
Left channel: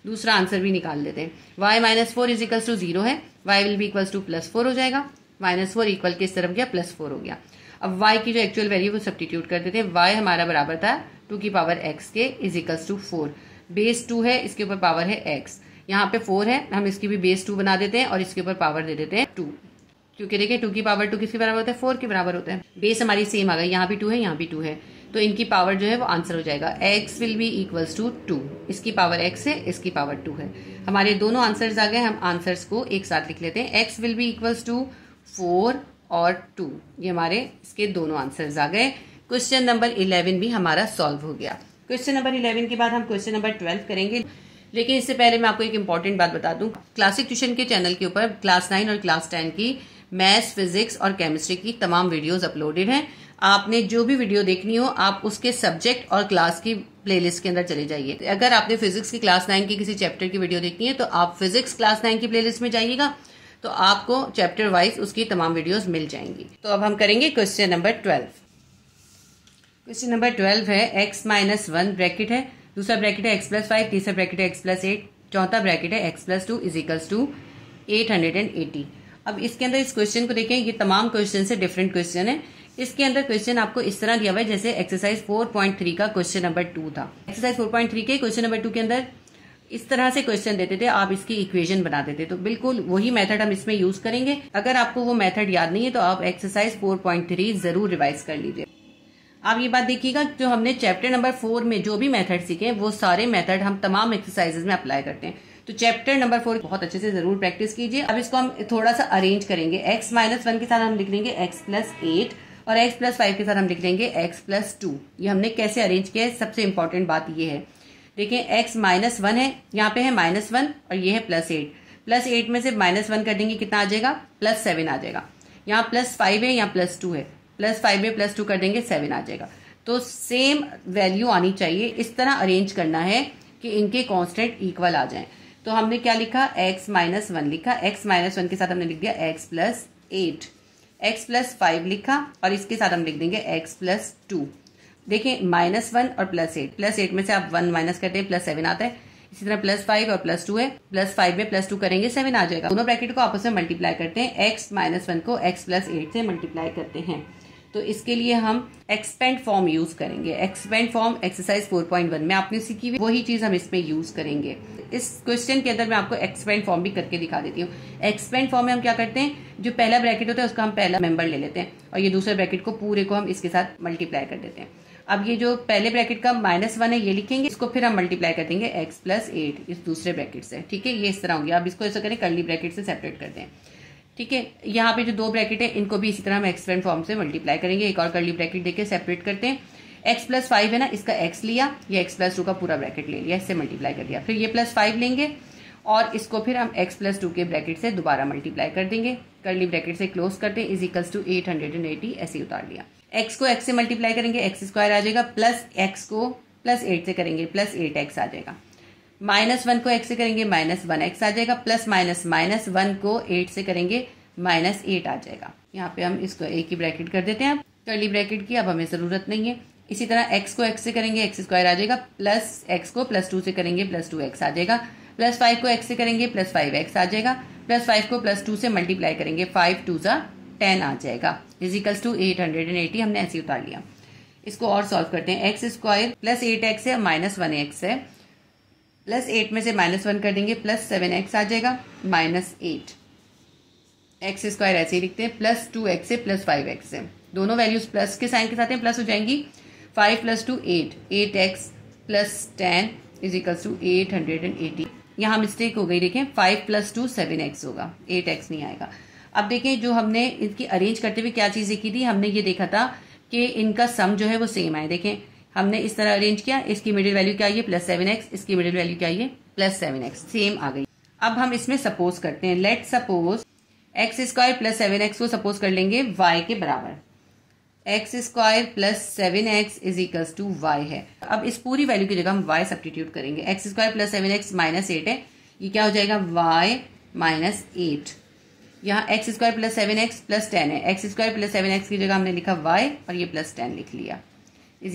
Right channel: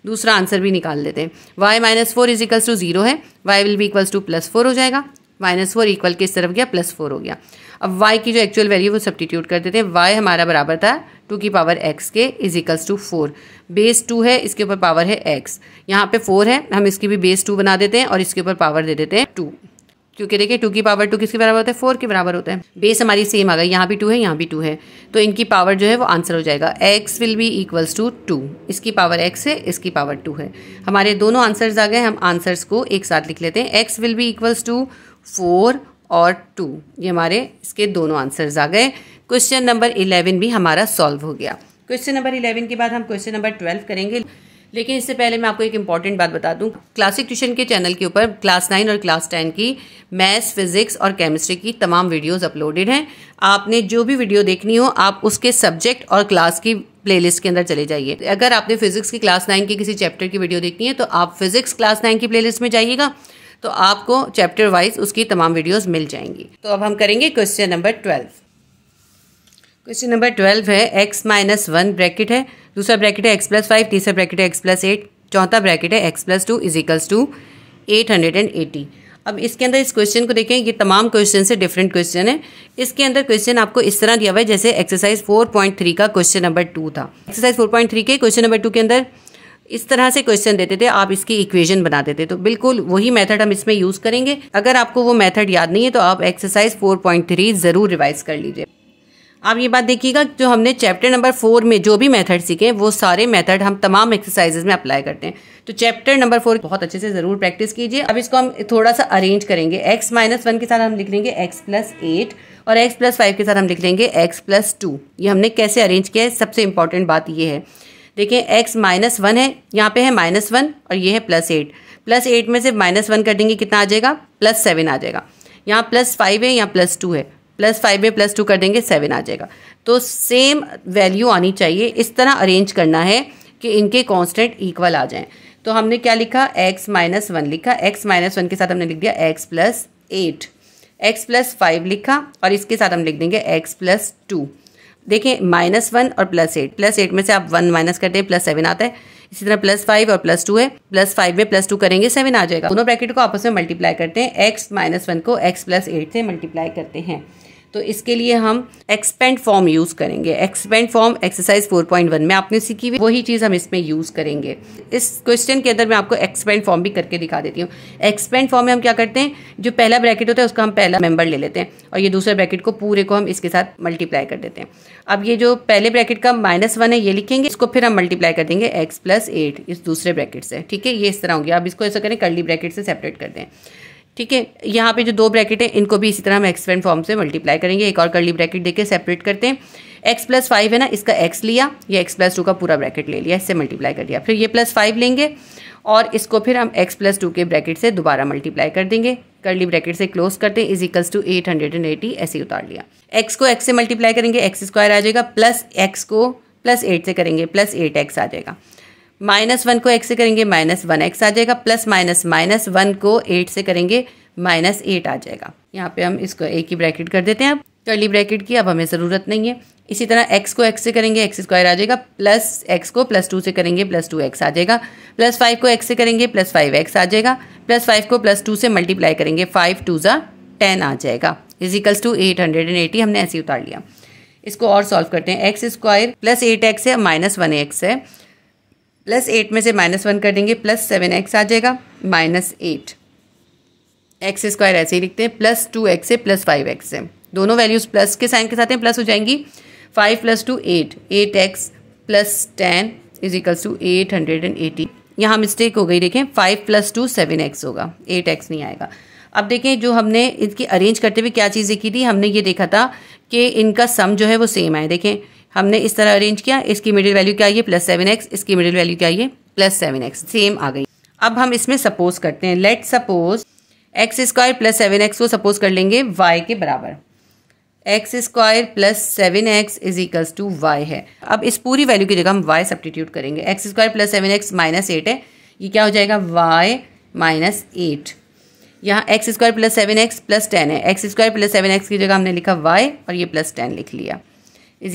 दूसरा आंसर भी निकाल लेते हैं। y minus 4 is equals to 0 है, y will be equals to +4 हो जाएगा। -4 इक्वल किस तरफ गया, +4 हो गया। अब y की जो एक्चुअल वैल्यू वो सब्स्टिट्यूट कर देते हैं। y हमारा बराबर था 2 की पावर x के इज इक्वल्स टू 4। बेस 2 है, इसके ऊपर पावर है x, यहाँ पे 4 है, हम इसकी भी बेस 2 बना देते हैं और इसके ऊपर पावर दे देते हैं 2, क्योंकि देखिए 2 की पावर 2 किसके बराबर होता है, 4 के बराबर होता है। बेस हमारी सेम आ गई, यहाँ भी 2 है, यहाँ भी 2 है, तो इनकी पावर जो है वो आंसर हो जाएगा। x will be equals to 2, इसकी पावर x है, इसकी पावर 2 है। हमारे दोनों आंसर्स आ गए। हम आंसर्स को एक साथ लिख लेते हैं। x will be equals to 4 और 2, ये हमारे इसके दोनों आंसर्स आ गए। क्वेश्चन नंबर 11 भी हमारा सॉल्व हो गया। क्वेश्चन नंबर 11 के बाद हम क्वेश्चन नंबर 12 करेंगे, लेकिन इससे पहले मैं आपको एक इंपॉर्टेंट बात बता दूं। क्लासिक ट्यूशन के चैनल के ऊपर क्लास 9 और क्लास 10 की मैथ्स, फिजिक्स और केमिस्ट्री की तमाम वीडियोस अपलोडेड हैं। आपने जो भी वीडियो देखनी हो आप उसके सब्जेक्ट और क्लास की प्लेलिस्ट के अंदर चले जाइए। अगर आपने फिजिक्स की क्लास 9 की किसी चैप्टर की वीडियो देखनी है तो आप फिजिक्स क्लास 9 की प्लेलिस्ट में जाइएगा, तो आपको चैप्टर वाइज उसकी तमाम वीडियोस मिल जाएंगी। तो अब हम करेंगे क्वेश्चन नंबर 12। क्वेश्चन नंबर 12 है x माइनस 1 ब्रैकेट है, दूसरा ब्रैकेट है x प्लस 5, तीसरा ब्रैकेट है x प्लस 8, चौथा ब्रैकेट है x plus 2 is equals to 880। अब इसके अंदर इस क्वेश्चन को देखें, ये तमाम क्वेश्चन से डिफरेंट क्वेश्चन है। इसके अंदर क्वेश्चन आपको इस तरह दिया हुआ है जैसे एक्सरसाइज 4.3 का क्वेश्चन नंबर 2 था। एक्सरसाइज 4.3 के क्वेश्चन नंबर 2 के अंदर इस तरह से क्वेश्चन देते थे, आप इसकी इक्वेशन बना देते, तो बिल्कुल वही मेथड हम इसमें यूज करेंगे। अगर आपको वो मेथड याद नहीं है तो आप एक्सरसाइज 4.3 जरूर रिवाइज कर लीजिए। आप ये बात देखिएगा, जो हमने चैप्टर नंबर 4 में जो भी मेथड सीखे वो सारे मेथड हम तमाम एक्सरसाइजेज में अप्लाई करते हैं। तो चैप्टर नंबर 4 बहुत अच्छे से जरूर प्रैक्टिस कीजिए। अब इसको हम थोड़ा सा अरेंज करेंगे। x माइनस 1 के साथ हम लिख लेंगे x प्लस 8 और x प्लस 5 के साथ हम लिख लेंगे x प्लस 2। ये हमने कैसे अरेंज किया है, सबसे इंपॉर्टेंट बात ये है। देखिए x माइनस 1 है, यहाँ पे है -1 और ये है +8। +8 में से -1 कर देंगे, कितना आ जाएगा, +7 आ जाएगा। यहाँ +5 है, यहाँ +2 है, +5 में +2 कर देंगे 7 आ जाएगा। तो सेम वैल्यू आनी चाहिए, इस तरह अरेंज करना है कि इनके कांस्टेंट इक्वल आ जाएं। तो हमने क्या लिखा, x माइनस 1 लिखा, x माइनस 1 के साथ हमने लिख दिया x प्लस 8, x प्लस 5 लिखा और इसके साथ हम लिख देंगे x प्लस 2। देखिए -1 और +8 में से आप 1 माइनस करते हैं +7 आता है। इसी तरह +5 और +2 है, +5 में +2 करेंगे 7 आ जाएगा। दोनों ब्रैकेट को आपस में मल्टीप्लाई करते हैं, x माइनस 1 को x प्लस 8 से मल्टीप्लाई करते हैं। तो इसके लिए हम एक्सपेंड फॉर्म यूज करेंगे। एक्सपेंड फॉर्म एक्सरसाइज 4.1 में आपने सीखी हुई वही चीज हम इसमें यूज करेंगे। इस क्वेश्चन के अंदर मैं आपको एक्सपेंड फॉर्म भी करके दिखा देती हूँ। एक्सपेंड फॉर्म में हम क्या करते हैं, जो पहला ब्रैकेट होता है उसका हम पहला मेंबर ले लेते हैं और ये दूसरे ब्रैकेट को पूरे को हम इसके साथ मल्टीप्लाई कर देते हैं। अब ये जो पहले ब्रैकेट का -1 है ये लिखेंगे, इसको फिर हम मल्टीप्लाई कर देंगे x प्लस 8 इस दूसरे ब्रैकेट से। ठीक है, ये इस तरह होंगे। अब इसको ऐसा करें, कर्ली ब्रैकेट से सेपरेट कर दें। ठीक है, यहाँ पे जो 2 ब्रैकेट है इनको भी इसी तरह हम एक्सपेंड फॉर्म से मल्टीप्लाई करेंगे। एक और कर्ली ब्रैकेट देके सेपरेट करते हैं। x प्लस 5 है ना, इसका x लिया, ये x प्लस 2 का पूरा ब्रैकेट ले लिया, इससे मल्टीप्लाई कर दिया। फिर ये +5 लेंगे और इसको फिर हम x प्लस 2 के ब्रैकेट से दोबारा मल्टीप्लाई कर देंगे। कर्ली ब्रैकेट से क्लोज करते हैं, इज इक्वल्स टू 880 ऐसे उतार लिया। x को x से मल्टीप्लाई करेंगे, x स्क्वायर आ जाएगा, प्लस x को प्लस 8 से करेंगे +8x आ जाएगा। -1 को x से करेंगे -1x आ जाएगा, प्लस -1 को 8 से करेंगे -8 आ जाएगा। यहाँ पे हम इसको एक ही ब्रैकेट कर देते हैं, कर्ली ब्रैकेट की अब हमें ज़रूरत नहीं है। इसी तरह x को x से करेंगे x स्क्वायर आ जाएगा, प्लस x को +2 से करेंगे +2x आ जाएगा, +5 को x से करेंगे +5x आ जाएगा, +5 को +2 से मल्टीप्लाई करेंगे 5 2 ज़ा 10 आ जाएगा, इज इक्वल्स टू 880 हमने ऐसे उतार लिया। इसको और सॉल्व करते हैं। x स्क्वायर प्लस 8x है, -1x है, +8 में से -1 कर देंगे +7x आ जाएगा, -8। x स्क्वायर ऐसे ही लिखते हैं, +2x से +5x से, दोनों वैल्यूज प्लस के साइन के साथ हैं, प्लस हो जाएंगी। 5 + 2 8, 8x + 10 इज इक्वल्स टू 880। यहाँ मिस्टेक हो गई, देखें 5 + 2 7x होगा, 8x नहीं आएगा। अब देखें जो हमने इनकी अरेंज करते हुए क्या चीज़ देखी थी, हमने ये देखा था कि इनका सम जो है वो सेम आए। देखें हमने इस तरह अरेंज किया, इसकी मिडिल वैल्यू क्या आई है +7x, इसकी मिडिल वैल्यू क्या आई है +7x, सेम आ गई। अब हम इसमें सपोज करते हैं, लेट सपोज x² + 7x को सपोज कर लेंगे y के बराबर, x² + 7x = y है। अब इस पूरी वैल्यू की जगह हम y सब्स्टिट्यूट करेंगे, x² + 7x -8 है, ये क्या हो जाएगा y -8। यहाँ x² + 7x + 10 है, x² + 7x की जगह हमने लिखा y और ये +10 लिख लिया, =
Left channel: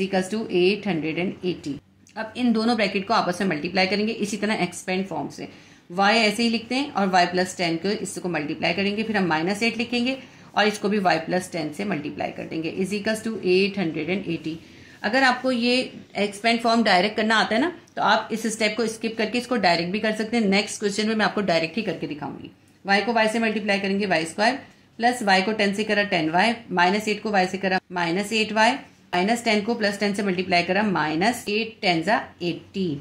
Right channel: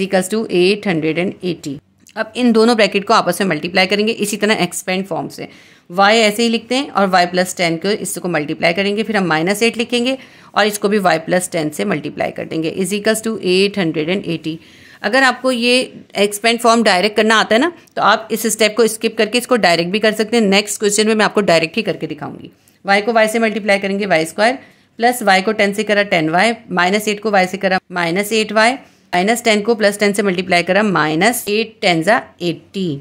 880। अब इन दोनों ब्रैकेट को आपस में मल्टीप्लाई करेंगे इसी तरह एक्सपेंड फॉर्म से, y ऐसे ही लिखते हैं और y + 10 को इसको मल्टीप्लाई करेंगे, फिर हम -8 लिखेंगे और इसको भी y + 10 से मल्टीप्लाई कर देंगे, = 880। अगर आपको ये एक्सपेंड फॉर्म डायरेक्ट करना आता है ना, तो आप इस स्टेप को स्किप करके इसको डायरेक्ट भी कर सकते हैं। नेक्स्ट क्वेश्चन में मैं आपको डायरेक्ट ही करके दिखाऊंगी। y को y से मल्टीप्लाई करेंगे, y² प्लस y को 10 से करा 10y, -8 को y से करा -8y, -10 को +10 से मल्टीप्लाई करा -8 10 = 80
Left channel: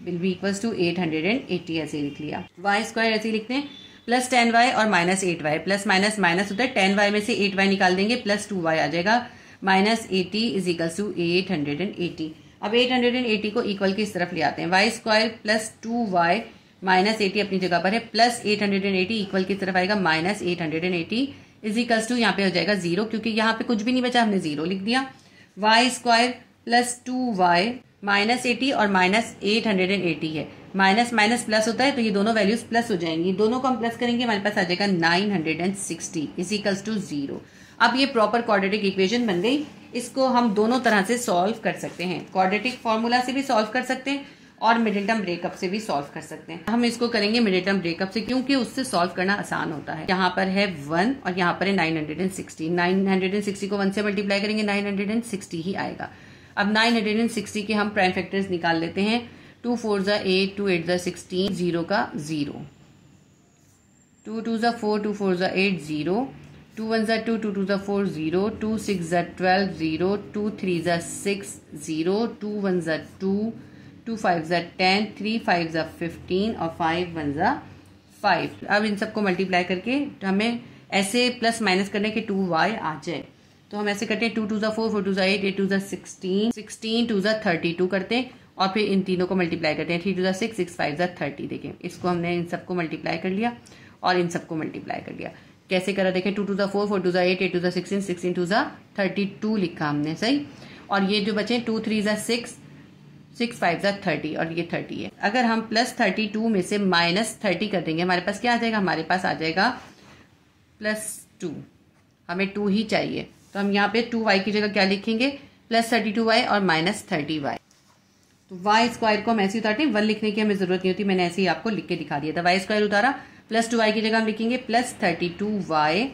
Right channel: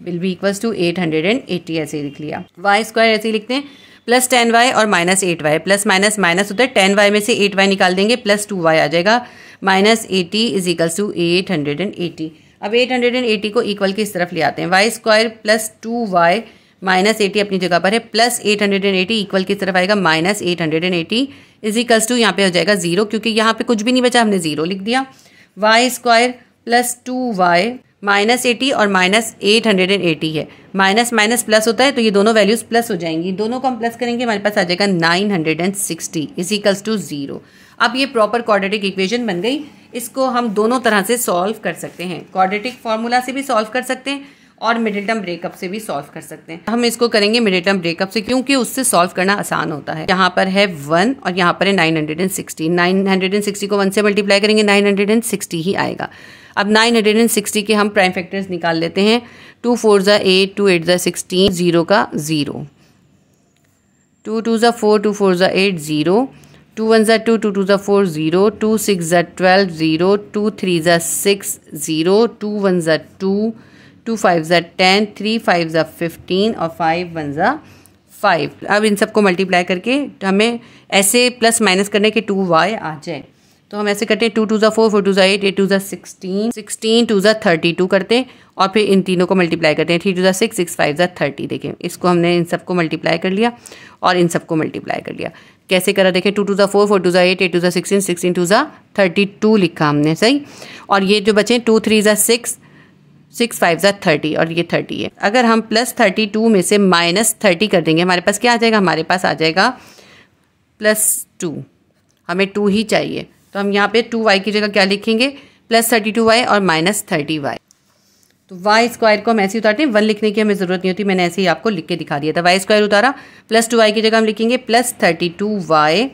विल बी इक्वल्स टू 880, ऐसे ही लिख लिया। y² ऐसे ही लिखते हैं, +10y और -8y, प्लस माइनस माइनस होता है, 10y में से 8y निकाल देंगे, +2y आ जाएगा, -80 = 880। अब 880 को इक्वल की इस तरफ ले आते हैं, y² + 2y -80 अपनी जगह पर है, प्लस 880 इक्वल की तरफ आएगा, -880 = यहाँ पे हो जाएगा 0, क्योंकि यहाँ पे कुछ भी नहीं बचा, हमने 0 लिख दिया। y² + 2y -80 और -880 है, माइनस माइनस प्लस होता है तो ये दोनों वैल्यूज प्लस हो जाएंगी, दोनों को हम प्लस करेंगे, हमारे पास आ जाएगा 960 = 0। अब ये प्रॉपर क्वाड्रेटिक इक्वेशन बन गई। इसको हम दोनों तरह से सॉल्व कर सकते हैं, क्वाड्रेटिक फार्मूला से भी सॉल्व कर सकते हैं और मिडिल टर्म ब्रेकअप से भी सॉल्व कर सकते हैं। हम इसको करेंगे मिडिल टर्म ब्रेकअप से, क्योंकि उससे सॉल्व करना आसान होता है। यहाँ पर है 1 और यहाँ पर है 960, 960 को 1 से मल्टीप्लाई करेंगे 960 ही आएगा। अब 960 के हम प्राइम फैक्टर्स निकाल लेते हैं, 2 4 = 8, 2 8 = 16, 0 का 0, 2 2 = 4, 2 4 = 8, 0, 2 1 = 2, 2 2 = 4, 0, 2 6 = 12, 0, 2 3 = 6, 0, 2 1 = 2, 2 5 = 10, 3 5 = 15 और 5 1 = 5। अब इन सबको मल्टीप्लाई करके हमें ऐसे प्लस माइनस करने के 2y आ जाए, तो हम ऐसे करते हैं, 2 2 = 4, 4 2 = 8, 8 2 = 16, 16 2 = 32 करते हैं और फिर इन तीनों को मल्टीप्लाई करते हैं, 3 2 = 6, 6 5 = 30। देखें इसको हमने इन सबको मल्टीप्लाई कर लिया और इन सबको मल्टीप्लाई कर लिया। कैसे करा देखें, 2 2 = 4, 4 2 = 8, 8 2 = 16, 16 2 = 32 लिखा हमने, सही। और ये जो बचे 2 3 = 6, 6 5 = 30 और ये 30 है। अगर हम +32 में से -30 कर देंगे, हमारे पास क्या आ जाएगा, हमारे पास आ जाएगा +2। हमें 2 ही चाहिए, तो हम यहाँ पे 2y की जगह क्या लिखेंगे, +32y और -30y। तो y² को हम ऐसे उतारते हैं, 1 लिखने की हमें ज़रूरत नहीं होती, मैंने ऐसे ही आपको लिख के दिखा दिया था। y² उतारा, +2y की जगह हम लिखेंगे +32y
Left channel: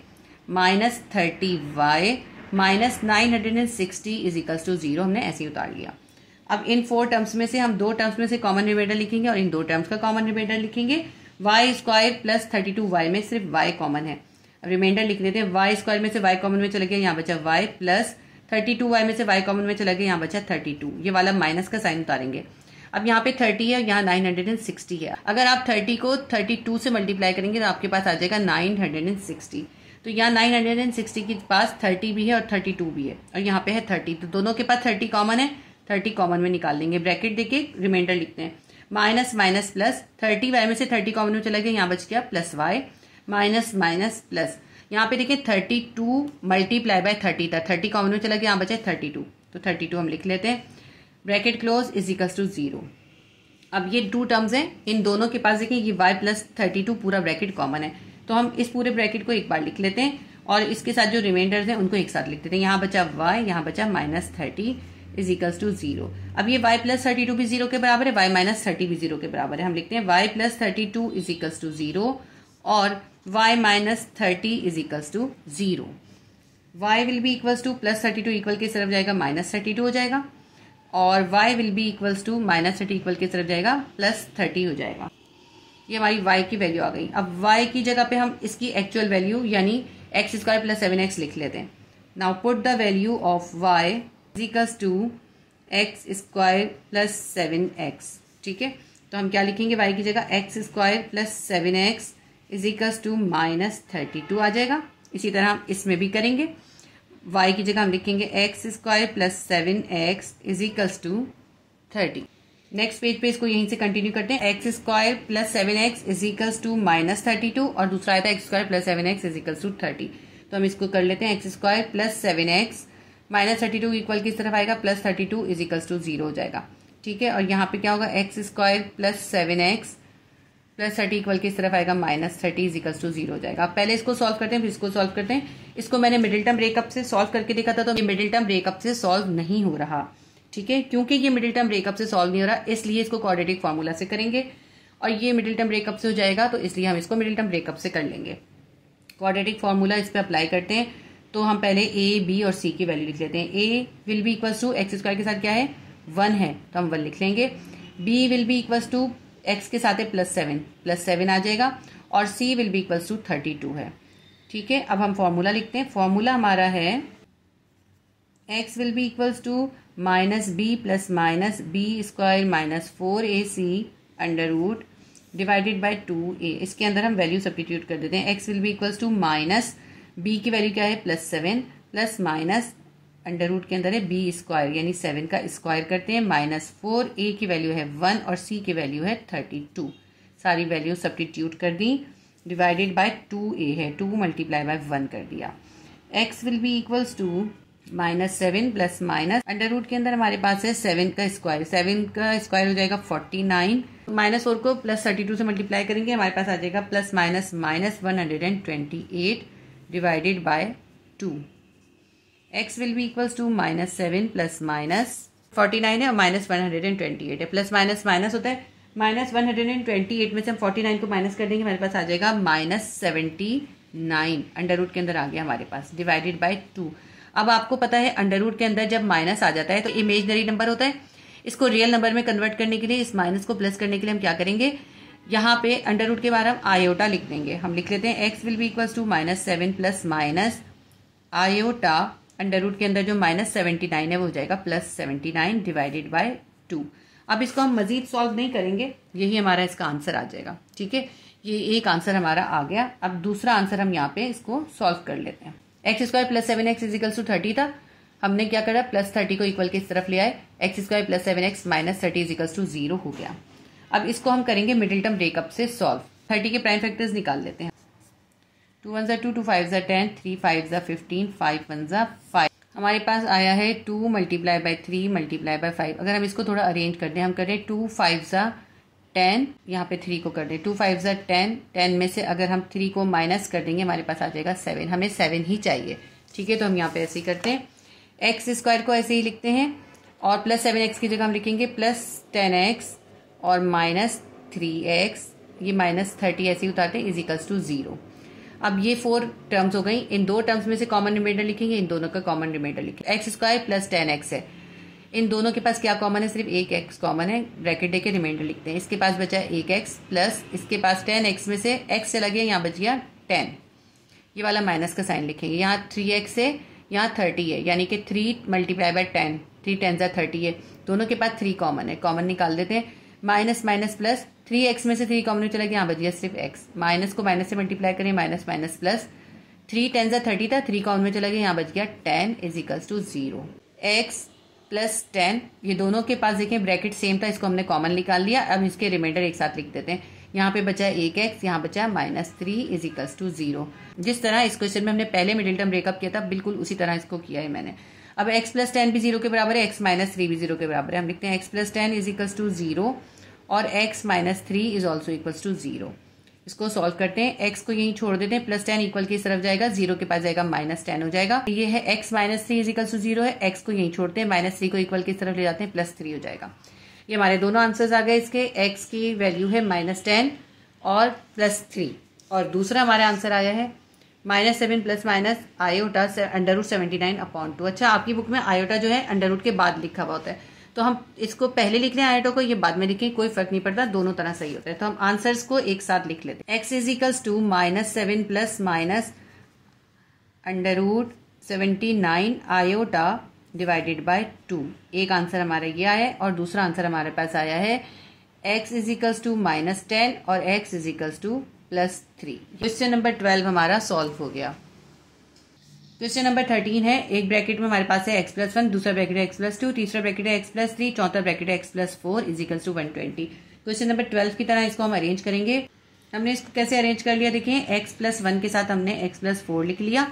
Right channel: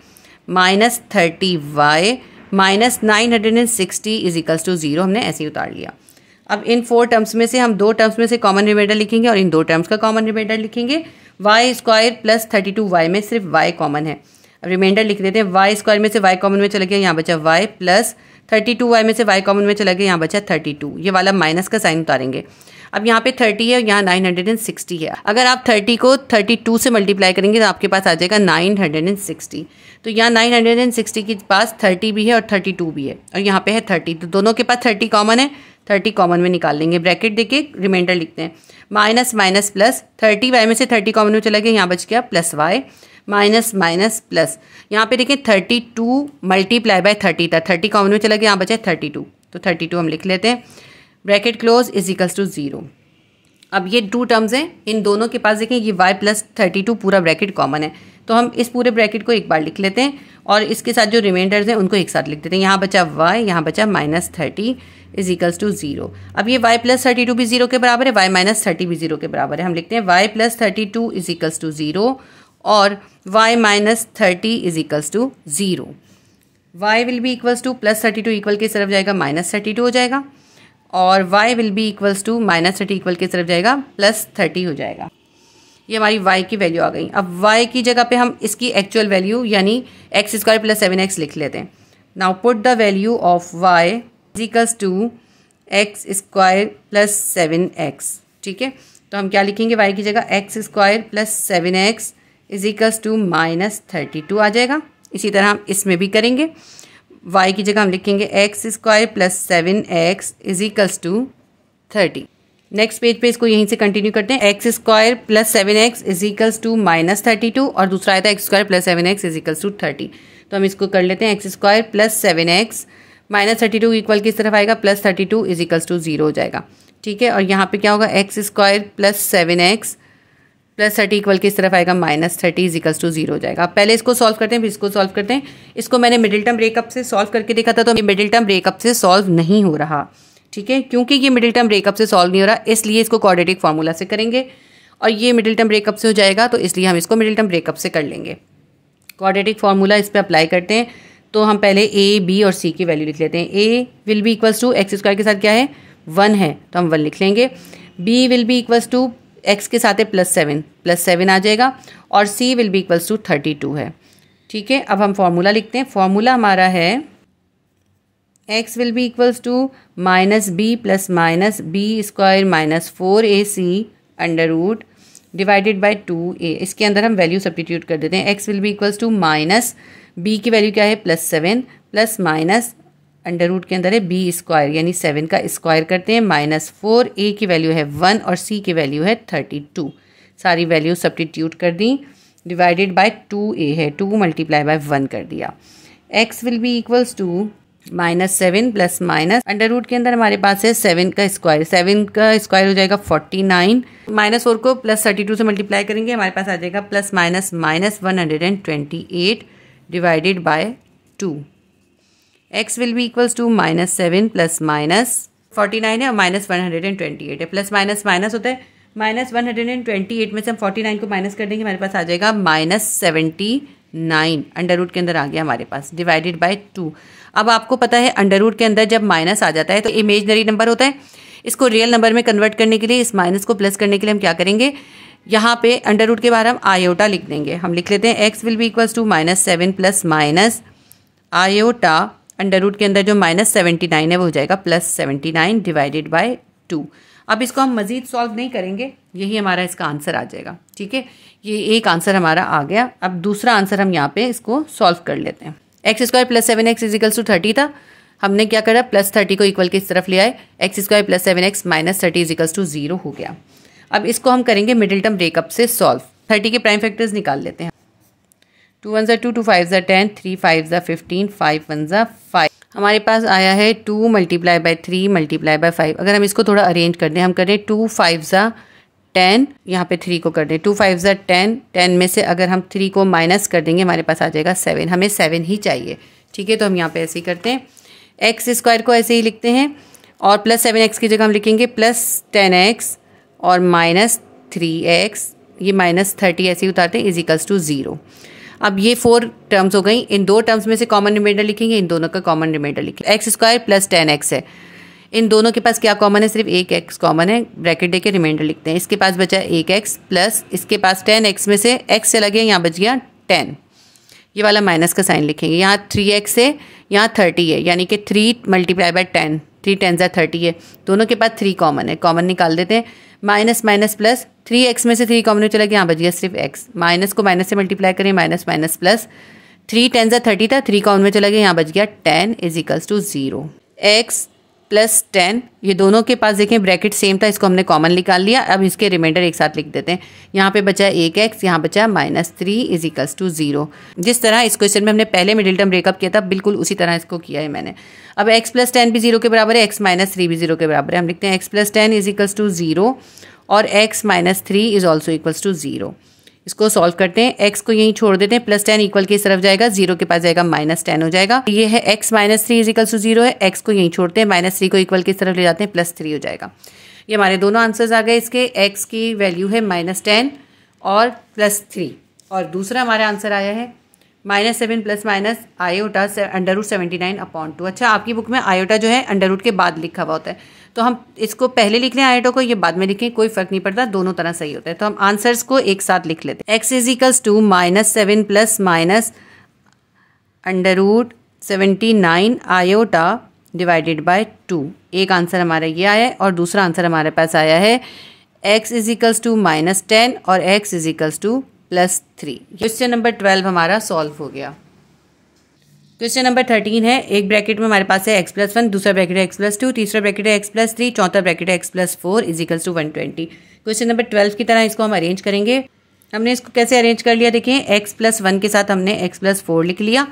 -30y -960 = 0, हमने ऐसे ही उतार लिया। अब इन 4 टर्म्स में से हम 2 टर्म्स में से कॉमन रिमाइंडर लिखेंगे और इन 2 टर्म्स का कॉमन रिमाइंडर लिखेंगे। y² + 32y में सिर्फ y कॉमन है, रिमाइंडर लिख देते हैं, y² में से y कॉमन में चला गया, यहाँ बचा y, प्लस 32y में से y कॉमन में चला गया, यहाँ बचा 32, ये वाला माइनस का साइन उतारेंगे। अब यहाँ पे 30 है, यहाँ 960 है। अगर आप 30 को 32 से मल्टीप्लाई करेंगे तो आपके पास आ जाएगा 960। तो यहाँ 960 के पास 30 भी है और 32 भी है और यहाँ पे है 30, तो दोनों के पास 30 कॉमन है, 30 कॉमन में निकाल लेंगे, ब्रैकेट देके रिमाइंडर लिखते हैं, माइनस माइनस प्लस, 30y में से 30 कॉमन में चला गया, यहाँ बच गया +y, माइनस माइनस प्लस, यहाँ पे देखिए 32 × 30 था, 30 कॉमन में चला गया, यहाँ बचा 32, तो 32 हम लिख लेते हैं, ब्रैकेट क्लोज = 0। अब ये 2 टर्म्स हैं, इन दोनों के पास देखें ये y + 32 पूरा ब्रैकेट कॉमन है, तो हम इस पूरे ब्रैकेट को एक बार लिख लेते हैं और इसके साथ जो रिमाइंडर्स हैं उनको एक साथ लिख देते हैं। यहाँ बचा y, यहाँ बचा -30 = 0। अब ये y + 32 भी 0 के बराबर है, y - 30 भी 0 के बराबर है, हम लिखते हैं y + 32 = 0 और y - 30 = 0। y will be equals to +32 equal के तरफ जाएगा -32 हो जाएगा और y will be equals to -30 equal के तरफ जाएगा +30 हो जाएगा। ये हमारी y की वैल्यू आ गई। अब y की जगह पे हम इसकी एक्चुअल वैल्यू यानी x² + 7x लिख लेते हैं। Now put the value of y equals to x² + 7x, ठीक है। तो हम क्या लिखेंगे, y की जगह x² + 7x is equals to -32 आ जाएगा। इसी तरह हम इसमें भी करेंगे। y की जगह हम लिखेंगे x square plus 7x is equals to 30। Next page पे इसको यहीं से कंटिन्यू करते हैं। X square plus 7x is equals to -32 और दूसरा आया था x square plus 7x is equals to 30। तो हम इसको कर लेते हैं। X square plus 7x -32 equal किस तरफ आएगा, +32 इज इक्वल्स टू 0 हो जाएगा। ठीक है, और यहाँ पे क्या होगा, x square plus 7x plus 30 equal किस तरफ आएगा, -30 इज इक्वल्स टू 0 हो जाएगा। पहले इसको सॉल्व करते हैं, फिर इसको सॉल्व करते हैं। इसको मैंने मिडिल टर्म ब्रेकअप से सॉल्व करके देखा था, तो ये मिडिल टर्म ब्रेकअप से सॉल्व नहीं हो रहा। ठीक है, क्योंकि ये मिडिल टर्म ब्रेकअप से सॉल्व नहीं हो रहा, इसलिए इसको क्वाड्रेटिक फार्मूला से करेंगे। और ये मिडिल टर्म ब्रेकअप से हो जाएगा, तो इसलिए हम इसको मिडिल टर्म ब्रेकअप से कर लेंगे। क्वाड्रेटिक फार्मूला इस पर अप्लाई करते हैं। तो हम पहले a, b और c की वैल्यू लिख लेते हैं। a will be equals to x square के साथ क्या है, 1 है, तो हम 1 लिख लेंगे। b will be equals to x के साथ है +7 आ जाएगा। और c will be equals to 32 है। ठीक है, अब हम फार्मूला लिखते हैं। फार्मूला हमारा है x will be equals to -b plus -b square -4ac under root divided by 2a। इसके अंदर हम वैल्यू सब्स्टिट्यूट कर देते हैं। x will be equals to -b की वैल्यू क्या है, +7 प्लस माइनस अंडर रूट के अंदर है b स्क्वायर यानी 7 का स्क्वायर करते हैं, -4a की वैल्यू है 1 और c की वैल्यू है 32। सारी वैल्यू सब्स्टिट्यूट कर दी, डिवाइडेड बाय 2a है, 2 मल्टीप्लाई बाय 1 कर दिया। x will be equals to -7 plus minus under root के अंदर हमारे पास है 7 का स्क्वायर, 7 का स्क्वायर हो जाएगा 49, -4 को +32 से मल्टीप्लाई करेंगे, हमारे पास आ जाएगा plus minus -128 divided by 2। x will be equals to -7 plus minus 49 है और -128 है, प्लस माइनस माइनस होता है, -128 में से हम 49 को माइनस कर देंगे, हमारे पास आ जाएगा -79 अंडर रूट के अंदर आ गया हमारे पास, डिवाइडेड बाय 2। अब आपको पता है अंडर रूट के अंदर जब माइनस आ जाता है तो इमेजनरी नंबर होता है। इसको रियल नंबर में कन्वर्ट करने के लिए, इस माइनस को प्लस करने के लिए हम क्या करेंगे, यहाँ पे अंडर रूट के बाहर हम आयोटा लिख देंगे। हम लिख लेते हैं x will be equals to -7 plus minus iota under root के अंदर जो -79 है वो हो जाएगा +79 डिवाइडेड बाय 2। अब इसको हम मजीद सॉल्व नहीं करेंगे, यही हमारा इसका आंसर आ जाएगा। ठीक है, ये एक आंसर हमारा आ गया। अब दूसरा आंसर हम यहाँ पे इसको सॉल्व कर लेते हैं। X square plus 7x is equals to 30 था, हमने क्या करा, +30 को इक्वल किस तरफ ले आए, x square plus 7x -30 is equals to 0 हो गया। अब इसको हम करेंगे मिडिल टर्म ब्रेकअप से सॉल्व। 30 के प्राइम फैक्टर्स निकाल लेते हैं। 2 1 2, 2 5 10, 3 5 15, 5 1 5। हमारे पास आया है 2 मल्टीप्लाई बाय 3 मल्टीप्लाई बाय 5। अगर हम इसको थोड़ा अरेंज कर दें, हम करें 2 5 10, यहाँ पे 3 को कर दें, 2 5 10, 10 में से अगर हम 3 को माइनस कर देंगे हमारे पास आ जाएगा 7, हमें 7 ही चाहिए। ठीक है, तो हम यहाँ पे ऐसे ही करते हैं, एक्स स्क्वायर को ऐसे ही लिखते हैं और प्लस 7x की जगह हम लिखेंगे +10x और -3x, ये -30 ऐसे ही उतारते हैं, इज इक्वल्स टू 0। अब ये 4 टर्म्स हो गई, इन 2 टर्म्स में से कॉमन रिमाइंडर लिखेंगे, इन दोनों का कॉमन रिमाइंडर लिखेंगे। एक्स स्क्वायर प्लस 10x है, इन दोनों के पास क्या कॉमन है, सिर्फ एक x कॉमन है, ब्रैकेट दे के रिमाइंडर लिखते हैं। इसके पास बचा 1x प्लस इसके पास 10x में से x चला गया, यहाँ बच गया 10, ये वाला माइनस का साइन लिखेंगे। यहाँ 3x है, यहाँ 30 है, यानी कि 3 मल्टीप्लाई बाय 10, 3 10 30 है, दोनों के पास 3 कॉमन है, कॉमन निकाल देते हैं। माइनस माइनस प्लस, 3x में से 3 कॉमन चला गया, यहाँ बच गया सिर्फ x, माइनस को माइनस से मल्टीप्लाई करें, माइनस माइनस प्लस, 3 10 30 था, 3 कॉमन में चला गया, यहाँ बच गया 10 is equals to 0। x plus 10, ये दोनों के पास देखें ब्रैकेट सेम था, इसको हमने कॉमन निकाल लिया। अब इसके रिमाइंडर एक साथ लिख देते हैं, यहाँ पे बचा 1x, यहाँ बचा -3 इज इक्वल्स टू 0। जिस तरह इस क्वेश्चन में हमने पहले मिडिल टर्म ब्रेकअप किया था, बिल्कुल उसी तरह इसको किया है मैंने। अब x प्लस 10 भी 0 के बराबर है, x -3 भी 0 के बराबर है, हम लिखते हैं x plus 10 is equals to 0 और x -3 is also equals to 0। इसको सॉल्व करते हैं, x को यहीं छोड़ देते हैं, +10 इक्वल की तरफ जाएगा, 0 के पास जाएगा -10 हो जाएगा। ये है x -3 इज इक्वल टू 0 है, x को यहीं छोड़ते हैं, -3 को इक्वल की तरफ ले जाते हैं, +3 हो जाएगा। ये हमारे दोनों आंसर्स आ गए इसके। x की वैल्यू है -10 और +3, और दूसरा हमारा आंसर आया है -7 प्लस माइनस आयोटा √79/2। अच्छा, आपकी बुक में आयोटा जो है अंडर रूट के बाद लिखा हुआ होता है, तो हम इसको पहले लिख लें आयोटा को, ये बाद में लिखें, कोई फर्क नहीं पड़ता, दोनों तरह सही होता है। तो हम आंसर्स को एक साथ लिख लेते हैं। x is equals to -7 plus minus √79 iota divided by 2। एक आंसर हमारा ये आया है, और दूसरा आंसर हमारे पास आया है x इज इक्वल्स टू -10 और x is equals two plus 3। Question number 12 हमारा सॉल्व हो गया। क्वेश्चन नंबर 13 है, एक ब्रैकेट में हमारे पास है x+1, दूसरा ब्रैकेट है x+2, तीसरा ब्रैकेट है x+3, चौथा ब्रैकेट है x+4 equals to 120। Question number 12 की तरह इसको हम अरेंज करेंगे। हमने इसको कैसे अरेंज कर लिया, देखिए x+1 के साथ हमने x+4 लिख लिया,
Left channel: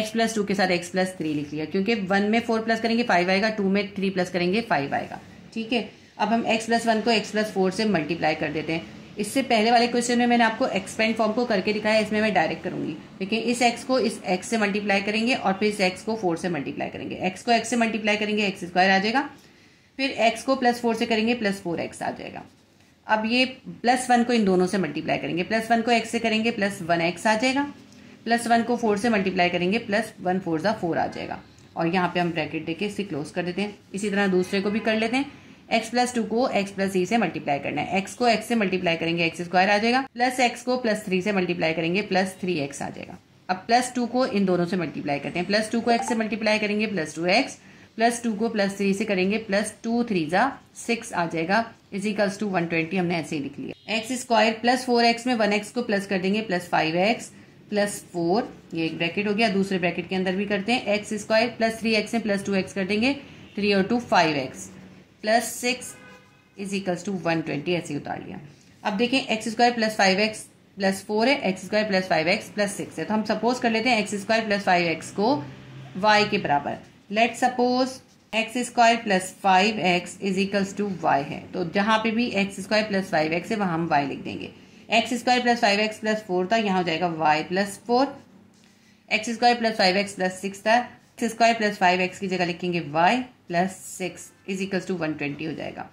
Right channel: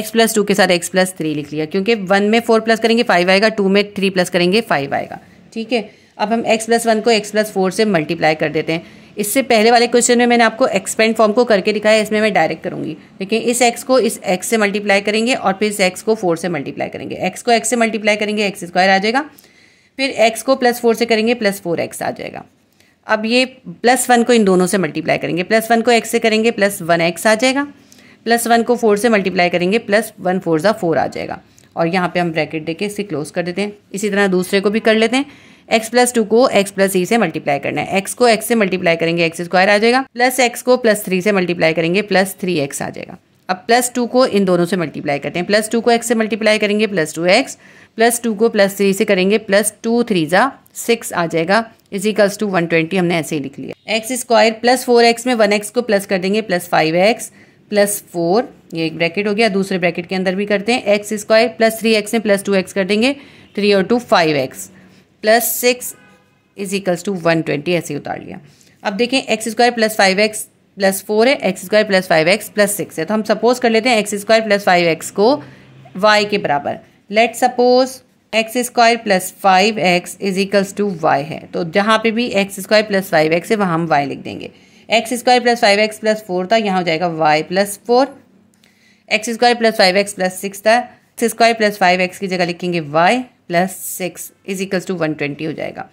x+2 के साथ x+3 लिख लिया, क्योंकि 1 में 4 प्लस करेंगे 5 आएगा, 2 में 3 प्लस करेंगे 5 आएगा। ठीक है, अब हम x+1 को x+4 से मल्टीप्लाई कर देते हैं। इससे पहले वाले क्वेश्चन में मैंने आपको एक्सपेंड फॉर्म को करके दिखाया, इसमें मैं डायरेक्ट करूंगी। देखिए इस x को इस x से मल्टीप्लाई करेंगे और फिर इस x को 4 से मल्टीप्लाई करेंगे। x को x से मल्टीप्लाई करेंगे x² आ जाएगा, फिर x को +4 से करेंगे +4x आ जाएगा। अब ये +1 को इन दोनों से मल्टीप्लाई करेंगे, +1 को x से करेंगे +1x आ जाएगा, +1 को 4 से मल्टीप्लाई करेंगे +1 4 4 आ जाएगा। और यहाँ पे हम ब्रैकेट देके इसे क्लोज कर देते हैं। इसी तरह दूसरे को भी कर लेते हैं। x+2 को x+3 से मल्टीप्लाई करना है, x को x से मल्टीप्लाई करेंगे x² आ जाएगा, प्लस x को +3 से मल्टीप्लाई करेंगे +3x आ जाएगा। अब +2 को इन दोनों से मल्टीप्लाई करते हैं, +2 को x से मल्टीप्लाई करेंगे +2x, +2 को +3 से करेंगे +2 3 6 आ जाएगा इजिकल्स टू 120। हमने ऐसे ही लिख लिया। x² +4x में 1x को प्लस कर देंगे +5x +4, ये एक ब्रैकेट हो गया। दूसरे ब्रैकेट के अंदर भी करते हैं, x² +3x में +2x कर देंगे, 3 और 2 5x +6 इजिकल्स टू 120, ऐसे ही उतार लिया। अब देखें x² +5x +4 है, x² +5x +6 है, तो हम सपोज कर लेते हैं x² +5x को y के बराबर। Let suppose x² +5x is equals to y है, तो जहाँ पे भी x² +5x है वहाँ हम y लिख देंगे। x² +5x +4 था, यहाँ हो जाएगा y +4, x² +5x +6 था, x² +5x की जगह लिखेंगे y +6 इजिकल्स टू 120 हो जाएगा।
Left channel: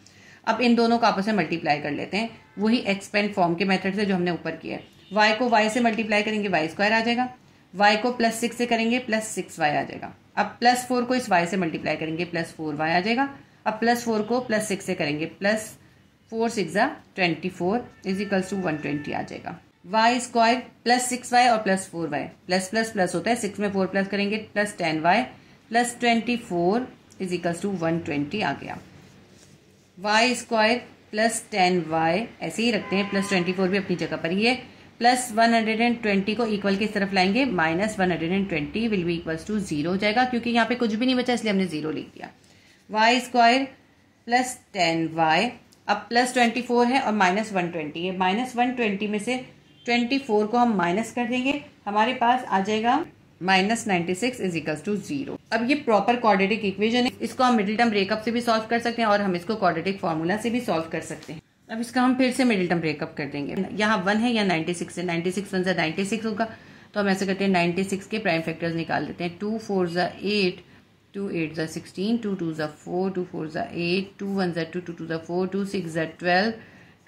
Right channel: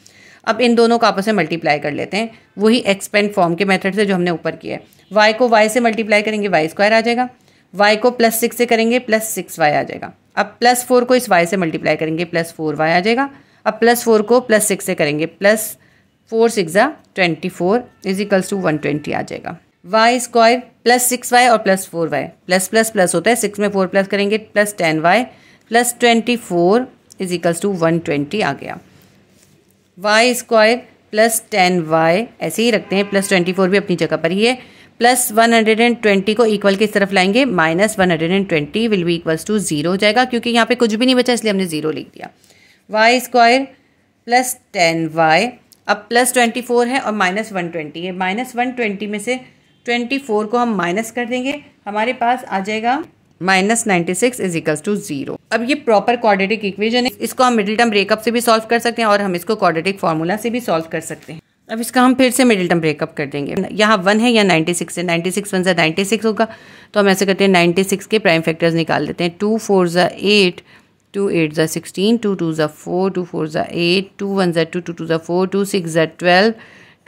अब इन दोनों को आपस में मल्टीप्लाई कर लेते हैं, वही एक्सपेंड फॉर्म के मेथड से जो हमने ऊपर किया है। y को y से मल्टीप्लाई करेंगे y² आ जाएगा, y को +6 से करेंगे +6y आ जाएगा। अब +4 को इस y से मल्टीप्लाई करेंगे +4y आ जाएगा। अब +4 को +6 से करेंगे +4 6 24 इजिकल्स टू 120 आ जाएगा। y² +6y और +4y प्लस होता है, 6 में 4 प्लस करेंगे +10y +24 इजिकल्स टू 120 आ गया। y² +10y ऐसे ही रखते हैं, +24 भी अपनी जगह पर ही है, +120 को इक्वल किस तरफ लाएंगे, -120 विल बी इक्वल्स टू 0 हो जाएगा, क्योंकि यहाँ पे कुछ भी नहीं बचा इसलिए हमने 0 लिख दिया। y² +10y, अब +24 है और -120 है, -120 में से 24 को हम माइनस कर देंगे, हमारे पास आ जाएगा -96 इजिकल्स टू 0। अब ये प्रॉपर क्वाड्रेटिक इक्वेशन है, इसको हम मिडिल टर्म ब्रेकअप से भी सॉल्व कर सकते हैं और हम इसको क्वाड्रेटिक फार्मूला से भी सॉल्व कर सकते हैं। अब इसका हम फिर से मिडिल टर्म ब्रेकअप कर देंगे। यहाँ 1 है या 96 है, 96 1 96 होगा, तो हम ऐसे करते हैं 96 के प्राइम फैक्टर्स निकाल लेते हैं। 2 4 8, 2 8 16, 2 2 4, 2 4 8, 2 1 2, 2 2 4, 2 6 12,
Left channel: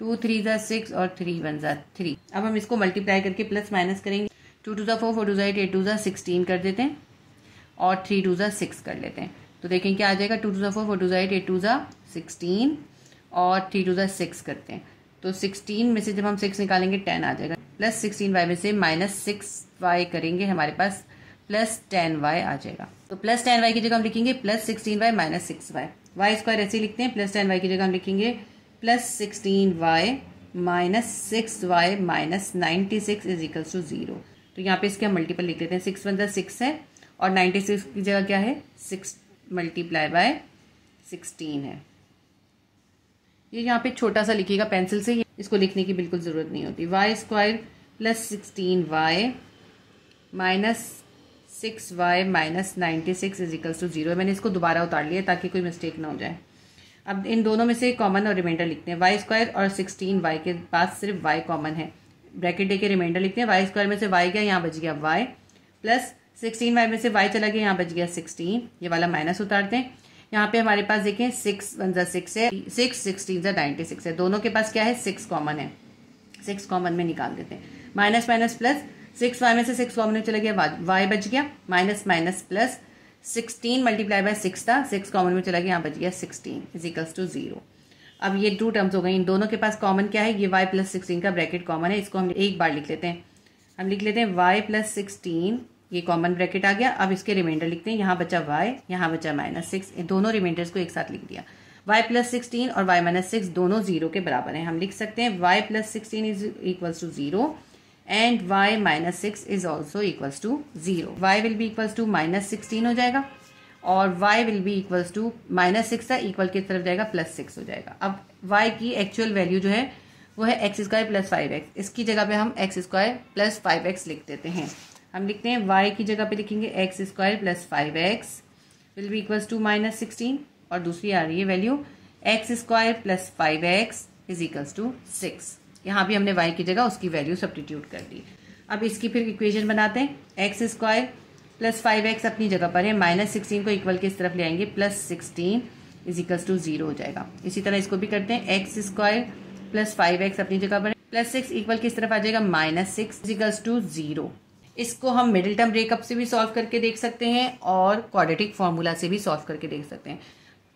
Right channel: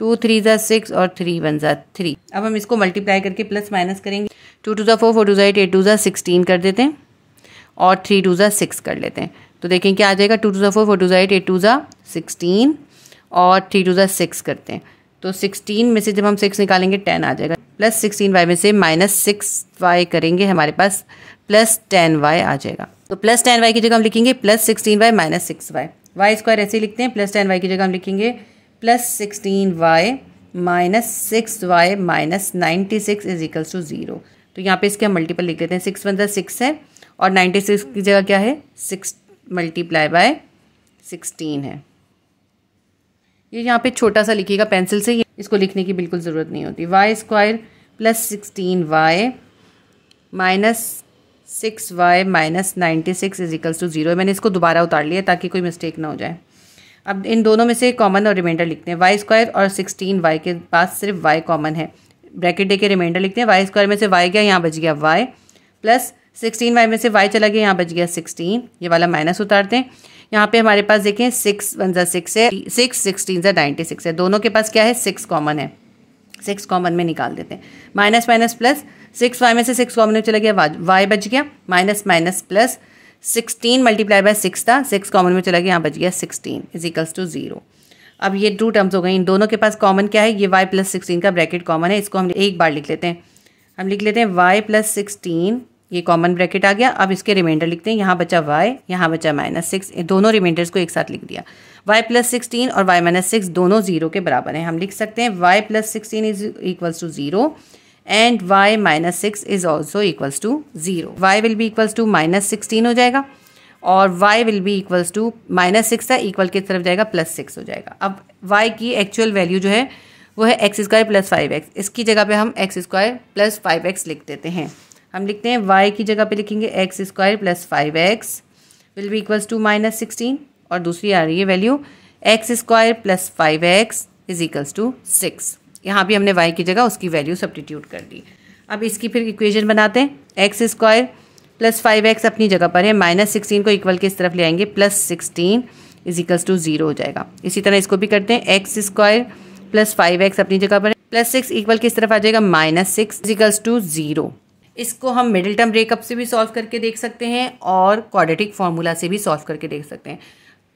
2 3 6 और 3 1 3। अब हम इसको मल्टीप्लाई करके प्लस माइनस करेंगे। 2 2 4, 4 2 8, 8 2 16 कर देते हैं और 3 2 6 कर लेते हैं, तो देखें क्या आ जाएगा। 2 2 4, 4 2 8, 8 2 16 और 3 2 6 करते हैं, तो 16 में से जब हम 6 निकालेंगे 10 आ जाएगा, +16y में से -6y करेंगे, हमारे पास +10y आ जाएगा। तो +10y की जगह हम लिखेंगे +16y -6y, y² ऐसे ही लिखते हैं, +10y की जगह हम लिखेंगे +16y -6y -96 इजिकल्स टू 0। तो यहाँ पे इसके हम मल्टीपल लिख देते हैं, 6 1 6 है और 96 की जगह क्या है, 6 × 16 है। ये यहाँ पे छोटा सा लिखिएगा पेंसिल से, इसको लिखने की बिल्कुल ज़रूरत नहीं होती। y² +16y -6y -96 इजिकल्स to 0। मैंने इसको दोबारा उतार लिया ताकि कोई मिस्टेक ना हो जाए। अब इन दोनों में से कॉमन और रिमाइंडर लिखते हैं। y² और 16y के पास सिर्फ y कॉमन है, ब्रैकेट दे के रिमाइंडर लिखते हैं। y² में से y गया, यहाँ बच गया y, प्लस 16y में से y चला गया, यहाँ बच गया 16, ये वाला माइनस उतारते हैं। यहाँ पे हमारे पास देखें 6 1 6 है, 6 16 96 है, दोनों के पास क्या है, 6 कॉमन है, 6 कॉमन में निकाल देते हैं। माइनस माइनस प्लस, 6y में से 6 कॉमन में चला गया, y बच गया, माइनस माइनस प्लस, 16 × 6 था, 6 कॉमन में चला गया, यहाँ बच गया 16 इजिकल्स टू 0। अब ये 2 टर्म्स हो गई, इन दोनों के पास कॉमन क्या है, ये y + 16 का ब्रैकेट कॉमन है, इसको हम एक बार लिख लेते हैं। हम लिख लेते हैं y + 16, ये कॉमन ब्रैकेट आ गया। अब इसके रिमाइंडर लिखते हैं, यहाँ बचा y, यहाँ बचा -6, दोनों रिमाइंडर्स को एक साथ लिख दिया। y + 16 और y - 6 दोनों 0 के बराबर हैं। हम लिख सकते हैं y + 16 is equals to 0 and y minus 6 is also equals to 0। y will be equals to minus 16 हो जाएगा और y will be equals to minus 6 था, इक्वल की तरफ जाएगा प्लस 6 हो जाएगा। अब y की एक्चुअल वैल्यू जो है वो है एक्स स्क्वायर प्लस 5x। इसकी जगह पे हम एक्स स्क्वायर प्लस 5x लिख देते हैं। हम लिखते हैं y की जगह पे लिखेंगे x square plus 5x will be equals to minus 16 और दूसरी आ रही है value x square plus 5x is equals to 6। यहाँ भी हमने y की जगह उसकी वैल्यू सब्स्टिट्यूट कर दी। अब इसकी फिर इक्वेशन बनाते हैं। एक्स स्क्वायर प्लस 5x अपनी जगह पर है, माइनस 16 को इक्वल की इस तरफ ले आएंगे, प्लस 16 इज इक्वल्स टू 0 हो जाएगा। इसी तरह इसको भी करते हैं। एक्स स्क्वायर प्लस 5x अपनी जगह पर है, प्लस 6 इक्वल की इस तरफ आ जाएगा, माइनस 6 इज इक्वल्स टू 0। इसको हम मिडिल टर्म ब्रेकअप से भी सॉल्व करके देख सकते हैं और क्वाड्रेटिक फार्मूला से भी सॉल्व करके देख सकते हैं।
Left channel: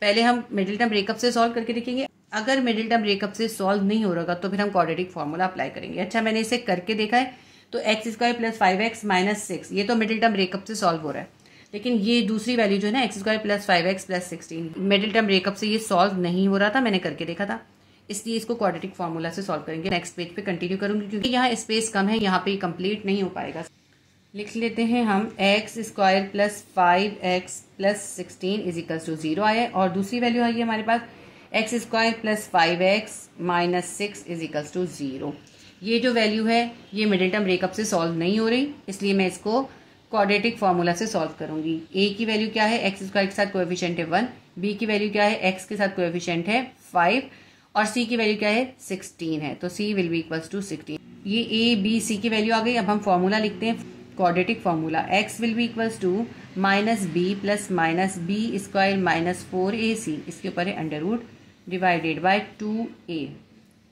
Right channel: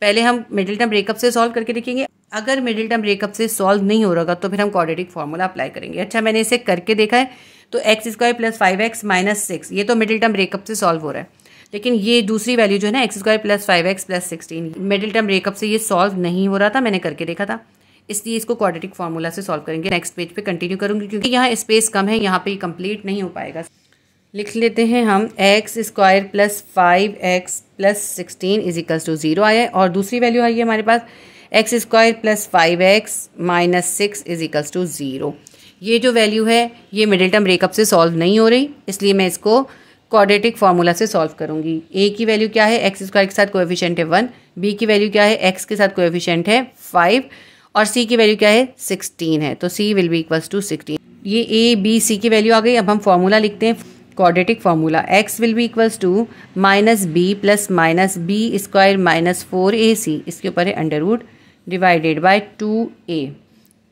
पहले हम मिडिल टर्म ब्रेकअप से सॉल्व करके देखेंगे। अगर मिडिल टर्म ब्रेकअप से सॉल्व नहीं हो रहा तो फिर हम क्वाड्रेटिक फार्मूला अप्लाई करेंगे। अच्छा, मैंने इसे करके देखा है तो x square plus 5x minus 6 ये तो मिडिल टर्म ब्रेकअप से सॉल्व हो रहा है, लेकिन ये दूसरी वैल्यू जो है ना x square plus 5x plus 16 middle term breakup से ये सॉल्व नहीं हो रहा था, मैंने करके देखा था, इसलिए इसको क्वाड्रेटिक फार्मूला से सॉल्व करेंगे। नेक्स्ट पेज पे कंटिन्यू करूंगी क्योंकि यहाँ स्पेस कम है, यहाँ पे कंप्लीट नहीं हो पाएगा। लिख लेते हैं हम X square plus 5x plus 16 is equals to 0 आया है और दूसरी वैल्यू आई है हमारे पास X square plus 5x minus 6 is equals to 0। ये जो वैल्यू है ये मिडिल टर्म ब्रेकअप से सॉल्व नहीं हो रही, इसलिए मैं इसको क्वाड्रेटिक फार्मूला से सॉल्व करूंगी। ए की वैल्यू क्या है, एक्स स्क्वायर के साथ कोएफिशिएंट है 1, बी की वैल्यू क्या है, एक्स के साथ कोएफिशिएंट है 5 और सी की वैल्यू क्या है 16 है, तो सी विल बी इक्वल्स टू 16। ये ए बी सी की वैल्यू आ गई। अब हम फार्मूला लिखते हैं, quadratic formula x will be equals to minus b plus minus b square minus 4ac, इसके ऊपर है under root divided by 2a।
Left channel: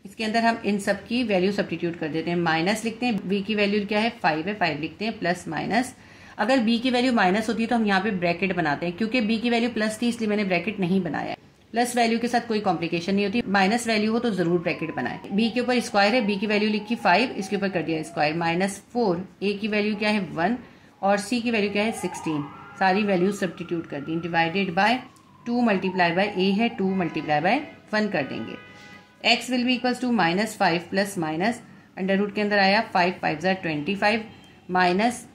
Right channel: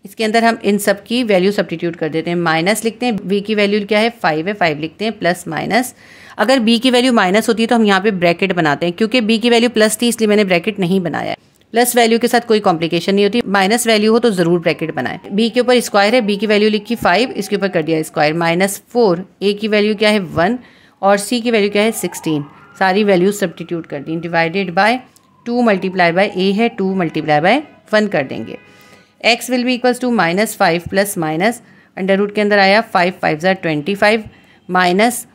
इसके अंदर हम इन सब की वैल्यू सब्स्टिट्यूट कर देते हैं। माइनस लिखते हैं, b की वैल्यू क्या है 5 है, 5 लिखते हैं प्लस माइनस। अगर b की वैल्यू माइनस होती है तो हम यहाँ पे ब्रैकेट बनाते हैं, क्योंकि b की वैल्यू प्लस थी इसलिए मैंने ब्रैकेट नहीं बनाया है। प्लस वैल्यू के साथ कोई कॉम्प्लिकेशन नहीं होती, माइनस वैल्यू हो तो जरूर ब्रैकेट बनाएं। b के ऊपर स्क्वायर है, b की वैल्यू लिखी 5, इसके ऊपर कर दिया स्क्वायर, माइनस 4, a की वैल्यू क्या है 1 और c की वैल्यू क्या है 16, सारी वैल्यू सब्स्टिट्यूट कर दी, divided by 2 multiply by a है 2 मल्टीप्लाई बाय 1 कर देंगे। x will be equals to minus 5 plus minus under root के अंदर आया 5 5 ज़ा 25 माइनस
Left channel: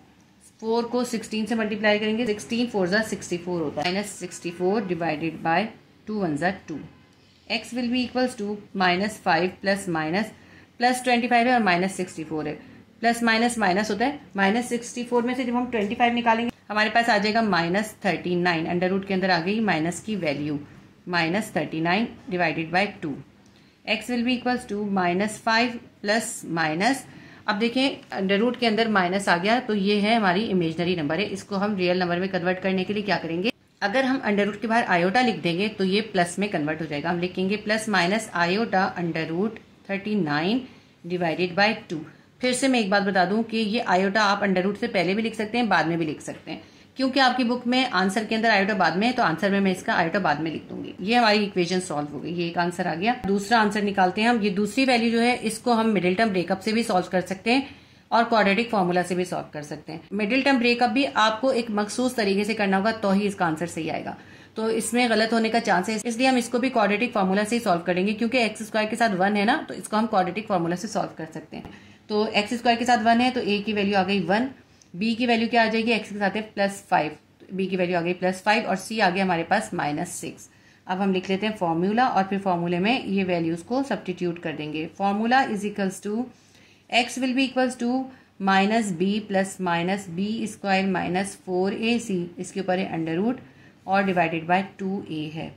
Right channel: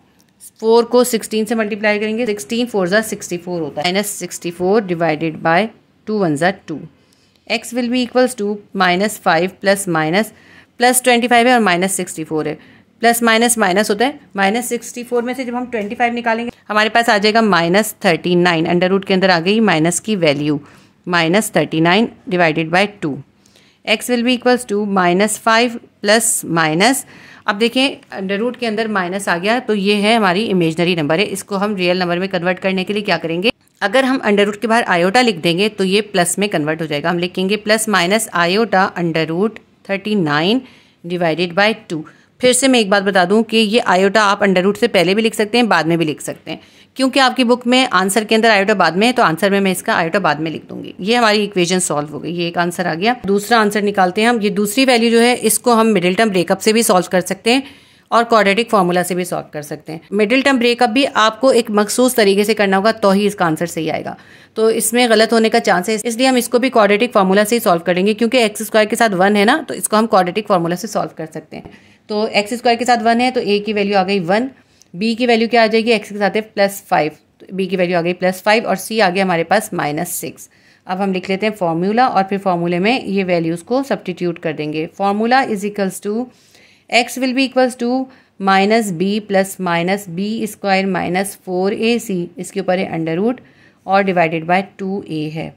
4 को 16 से मल्टीप्लाई करेंगे, 16 4 ज़ा 64 होता है, माइनस 64 डिवाइडेड बाय 2 1 ज़ा 2। x will be equals to minus 5 plus minus plus 25 है और माइनस 64 है, प्लस माइनस माइनस होता है, माइनस 64 में से जब हम 25 निकालेंगे हमारे पास आ जाएगा माइनस 39, अंडर रूट के अंदर आ गई माइनस की value, minus 39 divided by 2। x will be equals to minus 5 plus minus, अब देखें अंडर रूट के अंदर माइनस आ गया तो ये है हमारी इमेजनरी नंबर है, इसको हम रियल नंबर में कन्वर्ट करने के लिए क्या करेंगे, अगर हम अंडर रूट के बाहर आयोटा लिख देंगे तो ये प्लस में कन्वर्ट हो जाएगा। हम लिखेंगे plus minus iota under root 39 divided by 2। फिर से मैं एक बात बता दूं कि ये आयोटा आप अंडर रूट से पहले भी लिख सकते हैं, बाद में भी लिख सकते हैं, क्योंकि आपकी बुक में आंसर के अंदर आयोटा बाद में है तो आंसर में मैं इसका आयोटा बाद में लिख दूंगी। ये हमारी इक्वेशन सॉल्व हो गई, ये एक आंसर आ गया। दूसरा आंसर निकालते हैं हम। ये दूसरी वैल्यू जो है इसको हम मिडिल टर्म ब्रेकअप से भी सॉल्व कर सकते हैं और क्वाड्रेटिक फार्मूला से भी सॉल्व कर सकते हैं। मिडिल टर्म ब्रेकअप भी आपको एक मखसूस तरीके से करना होगा तो ही इसका आंसर सही आएगा, तो इसमें गलत होने का चांस है, इसलिए हम इसको भी क्वाड्रेटिक फार्मूला से ही सॉल्व करेंगे, क्योंकि एक्स स्क्वायर के साथ 1 है ना, तो इसको हम क्वाड्रेटिक फार्मूला से सॉल्व कर सकते हैं। तो एक्स स्क्वायर के साथ 1 है तो a की वैल्यू आ गई 1, b की वैल्यू क्या आ जाएगी, एक्स के साथ है प्लस 5, तो b की वैल्यू आ गई प्लस 5 और c आ गया हमारे पास माइनस 6। अब हम लिख लेते हैं फॉर्मूला और फिर फॉर्मूले में ये वैल्यूज़ को सब्स्टिट्यूट कर देंगे। Formula is equals to x will be equals to minus b plus minus b square minus 4ac, इसके ऊपर है अंडर रूट और डिवाइडेड बाय 2a है।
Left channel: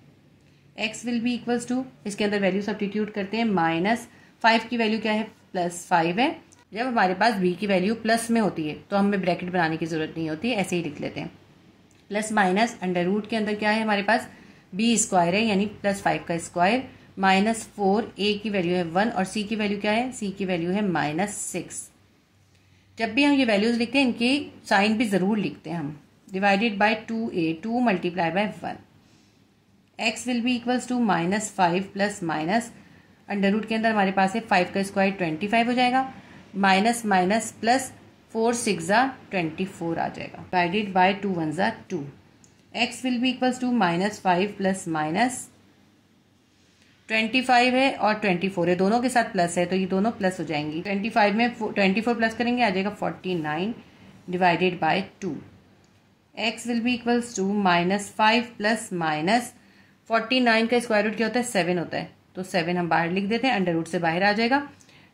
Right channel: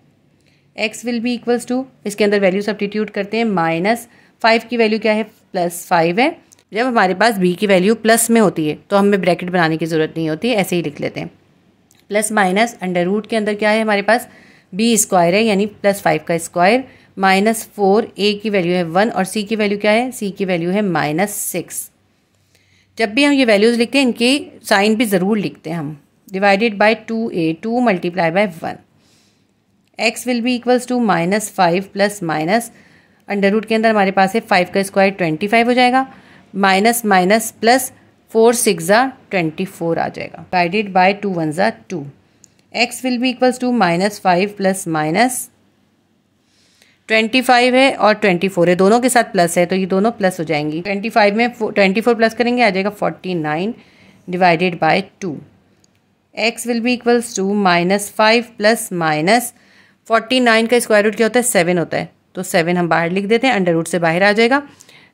x will be equals to, इसके अंदर वैल्यू सब्स्टिट्यूट करते हैं, माइनस 5 की वैल्यू क्या है प्लस 5 है। जब हमारे पास b की वैल्यू प्लस में होती है तो हमें ब्रैकेट बनाने की ज़रूरत नहीं होती, ऐसे ही लिख लेते हैं। प्लस माइनस अंडर रूट के अंदर क्या है हमारे पास b स्क्वायर है यानी प्लस 5 का स्क्वायर माइनस 4, a की वैल्यू है 1 और c की वैल्यू क्या है, c की वैल्यू है माइनस 6। जब भी हम ये वैल्यूज़ लिखते हैं इनकी साइन भी ज़रूर लिखते हैं हम, divided by 2a, 2 multiply by 1। x will be equals to minus 5 plus minus under root के अंदर हमारे पास है 5 का स्क्वायर 25 हो जाएगा, माइनस माइनस प्लस 4 6 ज़ा 24 आ जाएगा, डिवाइडेड बाय 2 1 ज़ा 2। x will be equals to minus 5 plus minus 25 है और 24 है, दोनों के साथ प्लस है तो ये दोनों प्लस हो जाएंगी। 25 में 24 प्लस करेंगे आ जाएगा 49 divided by 2। x will be equals to -5 plus minus 49 का स्क्वायर रूट क्या होता है 7 होता है, तो 7 हम बाहर लिख देते हैं, अंडर रूट से बाहर आ जाएगा,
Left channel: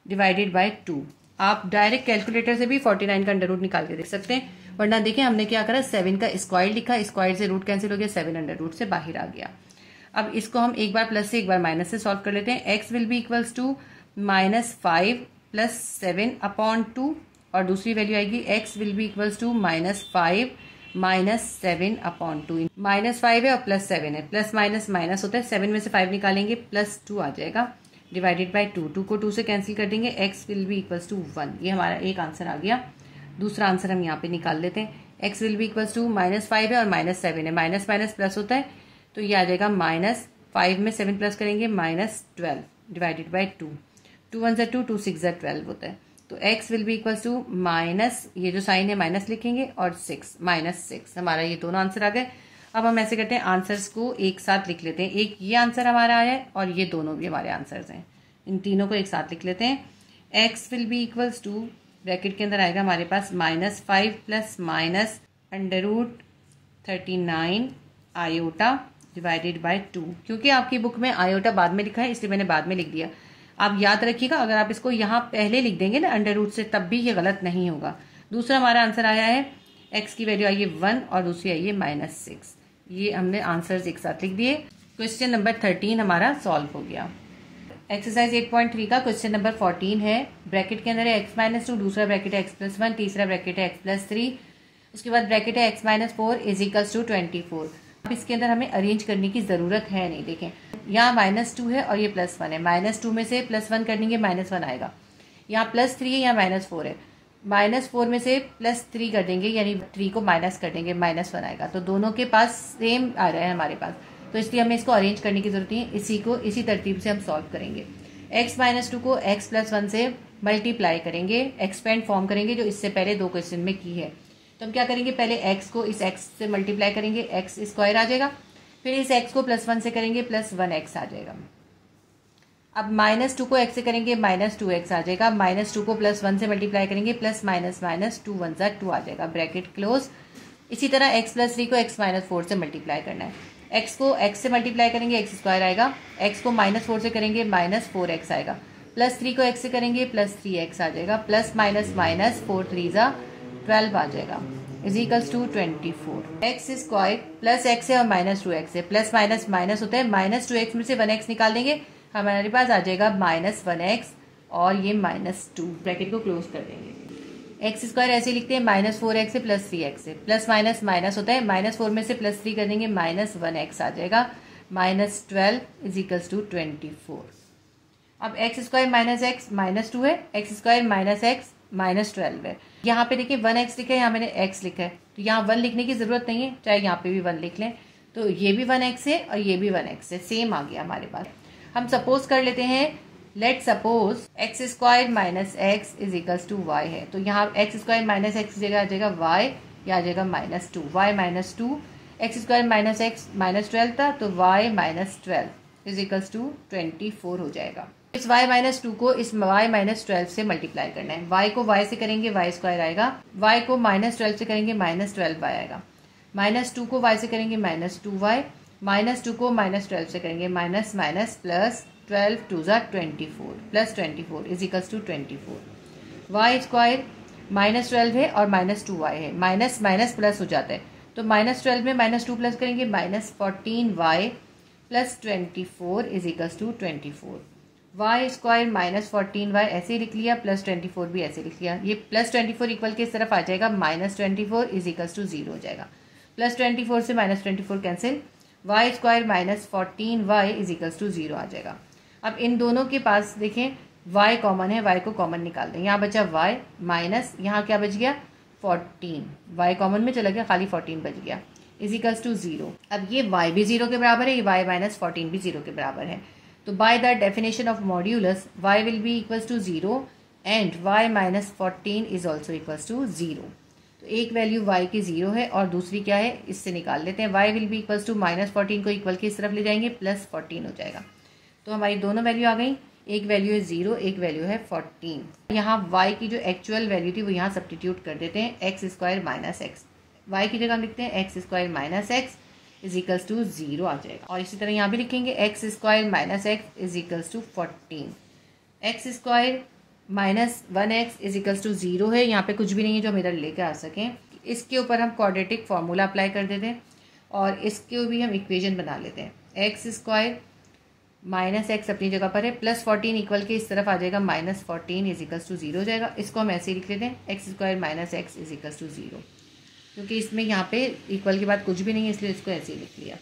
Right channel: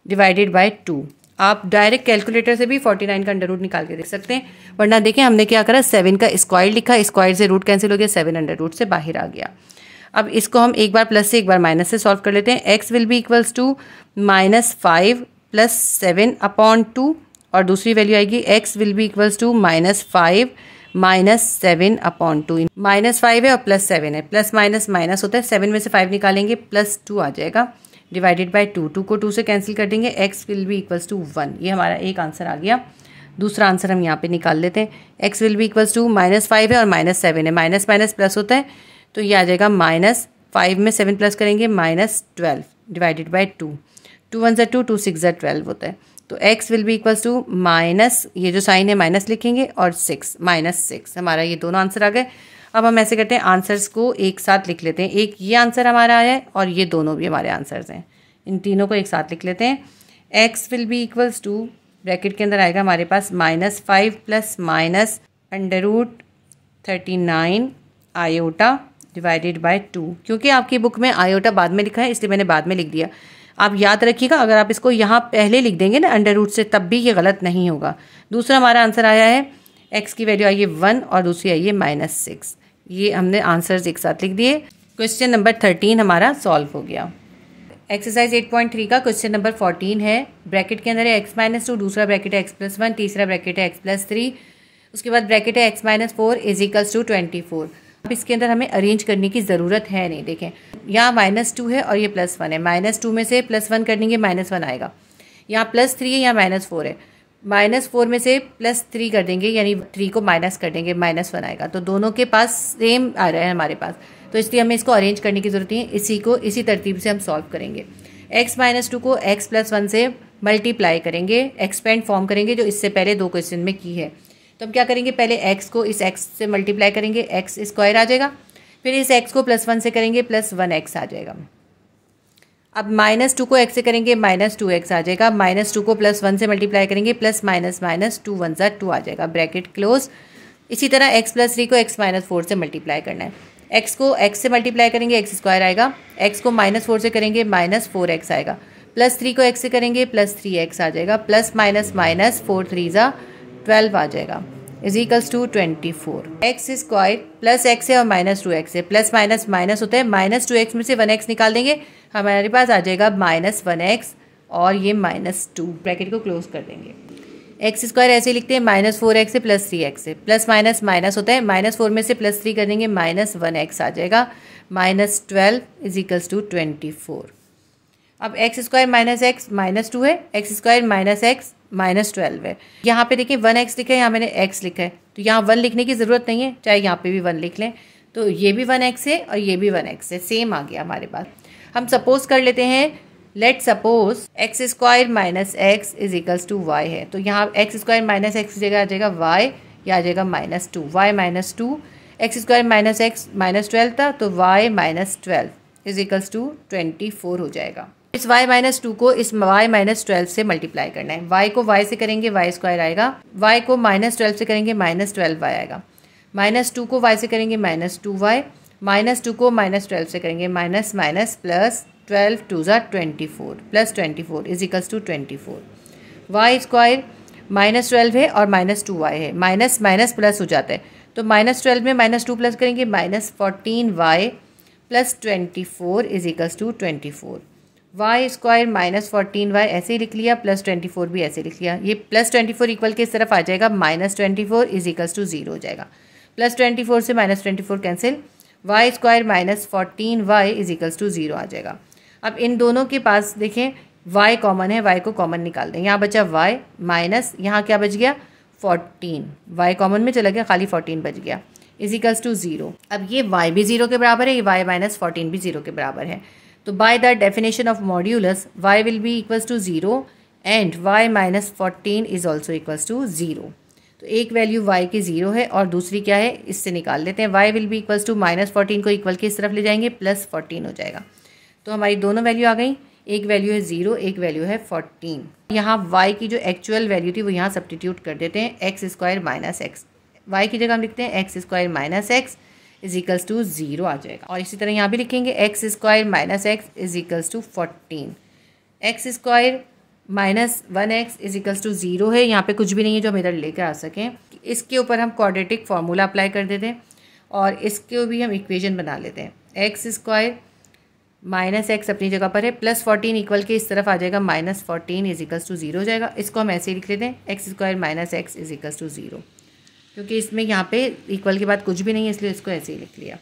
डिवाइडेड बाय 2। आप डायरेक्ट कैलकुलेटर से भी 49 का अंडर रूट निकाल के देख सकते हैं, वरना देखें हमने क्या करा 7 का स्क्वायर लिखा, स्क्वायर से रूट कैंसिल हो गया, 7 अंडर रूट से बाहर आ गया। अब इसको हम एक बार प्लस से एक बार माइनस से सॉल्व कर लेते हैं। x will be equals to -5 plus 7 upon 2 और दूसरी वैल्यू आएगी x will be equals to -5 minus 7 upon 2। -5 है और +7 है, प्लस माइनस माइनस होता है, 7 में से 5 निकालेंगे +2 आ जाएगा, डिवाइडेड बाय 2। 2 को 2 से कैंसिल कर देंगे, x will be equals to 1। ये हमारा एक आंसर आ गया। दूसरा आंसर हम यहाँ पे निकाल लेते हैं। x will be equals to -5 है और -7 है, माइनस माइनस प्लस होता है तो ये आ जाएगा -5 में 7 प्लस करेंगे -12 डिवाइडेड बाय 2। 2 1 2, 2 6 12 होता है, तो x will be equals to minus, ये जो साइन है माइनस लिखेंगे और 6 -6। हमारा ये दोनों आंसर आ गए। अब हम ऐसे करते हैं आंसर्स को एक साथ लिख लेते हैं। एक ये आंसर हमारा आया है और ये दोनों भी हमारे आंसर्स हैं, इन तीनों को एक साथ लिख लेते हैं। x will be equals to bracket के अंदर आएगा हमारे पास -5 plus minus under root 39 iota divided by 2। क्योंकि आपकी बुक में आयोटा बाद में लिखा है इसलिए मैंने बाद में लिख दिया। आप याद रखिएगा, अगर आप इसको यहाँ पहले लिख देंगे ना अंडर रूट से, तब भी ये गलत नहीं होगा। दूसरा हमारा आंसर आया है, x की वैल्यू आई है 1 और दूसरी आई है -6। ये हमने आंसर्स एक साथ लिख दिए। क्वेश्चन नंबर 13 हमारा सॉल्व हो गया। एक्सरसाइज 8.3 का क्वेश्चन नंबर 14 है। ब्रैकेट के अंदर है x-2, दूसरा ब्रैकेट है x+1, तीसरा ब्रैकेट है x+3, उसके बाद ब्रैकेट है x-4 इज इक्वल्स टू 24। अब इसके अंदर हमें अरेंज करने की ज़रूरत है नहीं। देखें यहाँ -2 है और ये +1 है, -2 में से +1 कर देंगे -1 आएगा, यहाँ +3 है, यहाँ -4 है, -4 में से +3 कर देंगे यानी 3 को माइनस कर देंगे, -1 आएगा। तो दोनों के पास सेम आ रहा है हमारे पास, तो इसलिए हमें इसको अरेंज करने की जरूरत है। इसी तरतीब से हम सॉल्व करेंगे। x-2 को x+1 से मल्टीप्लाई करेंगे, एक्सपेंड फॉर्म करेंगे जो इससे पहले 2 क्वेश्चन में की है। तो हम क्या करेंगे, पहले x को इस x से मल्टीप्लाई करेंगे, x स्क्वायर आ जाएगा, फिर इस x को +1 से करेंगे +1x आ जाएगा। अब -2 को x से करेंगे -2x आ जाएगा, -2 को +1 से मल्टीप्लाई करेंगे, प्लस माइनस माइनस 2 1 2 आ जाएगा, ब्रैकेट क्लोज। इसी तरह x+3 को x-4 से मल्टीप्लाई करना है। x को x से मल्टीप्लाई करेंगे x स्क्वायर आएगा, x को -4 से करेंगे -4x आएगा, +3 को x से करेंगे +3x आ जाएगा, प्लस माइनस माइनस 4 3 12 आ जाएगा, is equals to 24। X square plus x है और -2x है, प्लस माइनस माइनस होता है, -2x में से 1x निकाल देंगे, हमारे पास आ जाएगा -1x और ये -2, ब्रैकेट को क्लोज कर देंगे। एक्स स्क्वायर ऐसे लिखते हैं -4x से +3x से, प्लस माइनस माइनस होता है, -4 में से +3 कर देंगे -1x आ जाएगा, -12 इज इक्वल्स टू 24। अब एक्स स्क्वायर -x -2 है, एक्स स्क्वायर -x -12 है। यहाँ पे देखिए 1x लिखा है, यहाँ मैंने x लिखा है, तो यहाँ 1 लिखने की ज़रूरत नहीं है, चाहे यहाँ पे भी 1 लिख लें। तो ये भी 1x है और ये भी 1x है, सेम आ गया हमारे पास। हम सपोज कर लेते हैं, let suppose x square -x is equals to y है, तो यहाँ एक्स स्क्वायर -x की जगह आ जाएगा y, या आ जाएगा -2, y -2, एक्स स्क्वायर -x -12 था, तो y -12 इज इक्वल्स टू 24 हो जाएगा। इस y -2 को इस y -12 से मल्टीप्लाई करना है। y को y से करेंगे y स्क्वायर आएगा, y को -12 से करेंगे -12y आएगा, -2 को y से करेंगे -2y, -2 को -12 से करेंगे minus minus plus 12 2 24 plus 24 is equals to 24। y square -12 है और -2y है, माइनस माइनस प्लस हो जाता है, तो -12 में -2 प्लस करेंगे -14y plus 24 is equals to 24। y square -14y ऐसे ही लिख लिया, प्लस 24 भी ऐसे लिख लिया, ये प्लस 24 इक्वल के इस तरफ आ जाएगा, -24 इज इक्वल्स टू 0 हो जाएगा, प्लस 24 से -24 cancel, y square -14y is equals to 0 आ जाएगा। अब इन दोनों के पास देखें y कॉमन है, y को कॉमन निकाल दें, यहाँ बचा y माइनस यहाँ क्या बच गया 14, y कॉमन में चला गया, खाली 14 बच गया, इज इक्वल्स टू 0। अब ये y भी 0 के बराबर है, ये y -14 भी 0 के बराबर है, तो by the definition of modulus y will be equals to 0 and y -14 is also equals to 0। तो एक वैल्यू y की 0 है और दूसरी क्या है, इससे निकाल लेते हैं, y will be equals to -14 को इक्वल के इस तरफ ले जाएंगे, +14 हो जाएगा, तो हमारी दोनों वैल्यू आ गई, एक वैल्यू है 0, एक वैल्यू है 14। यहाँ y की जो एक्चुअल वैल्यू थी वो यहाँ सब्सटीट्यूट कर देते हैं, x square minus x, y की जगह हम लिखते हैं x square minus x is equals to 0 आ जाएगा। और इसी तरह यहाँ भी लिखेंगे x square minus x is equals to 14, x square minus 1x is equals to 0 है, यहाँ पे कुछ भी नहीं है जो हम इधर लेकर आ सकें। इसके ऊपर हम क्वाड्रेटिक फार्मूला अप्लाई कर देते हैं और इसके भी हम इक्वेशन बना लेते हैं, एक्स स्क्वायर माइनस एक्स अपनी जगह पर है, प्लस 14 इक्वल के इस तरफ आ जाएगा, माइनस 14 इज इक्वल्स टू 0 हो जाएगा। इसको हम ऐसे ही लिख लेते हैं, x square minus x is equals to 0, क्योंकि इसमें यहाँ पे इक्वल के बाद कुछ भी नहीं है इसलिए इसको ऐसे ही लिख लिया।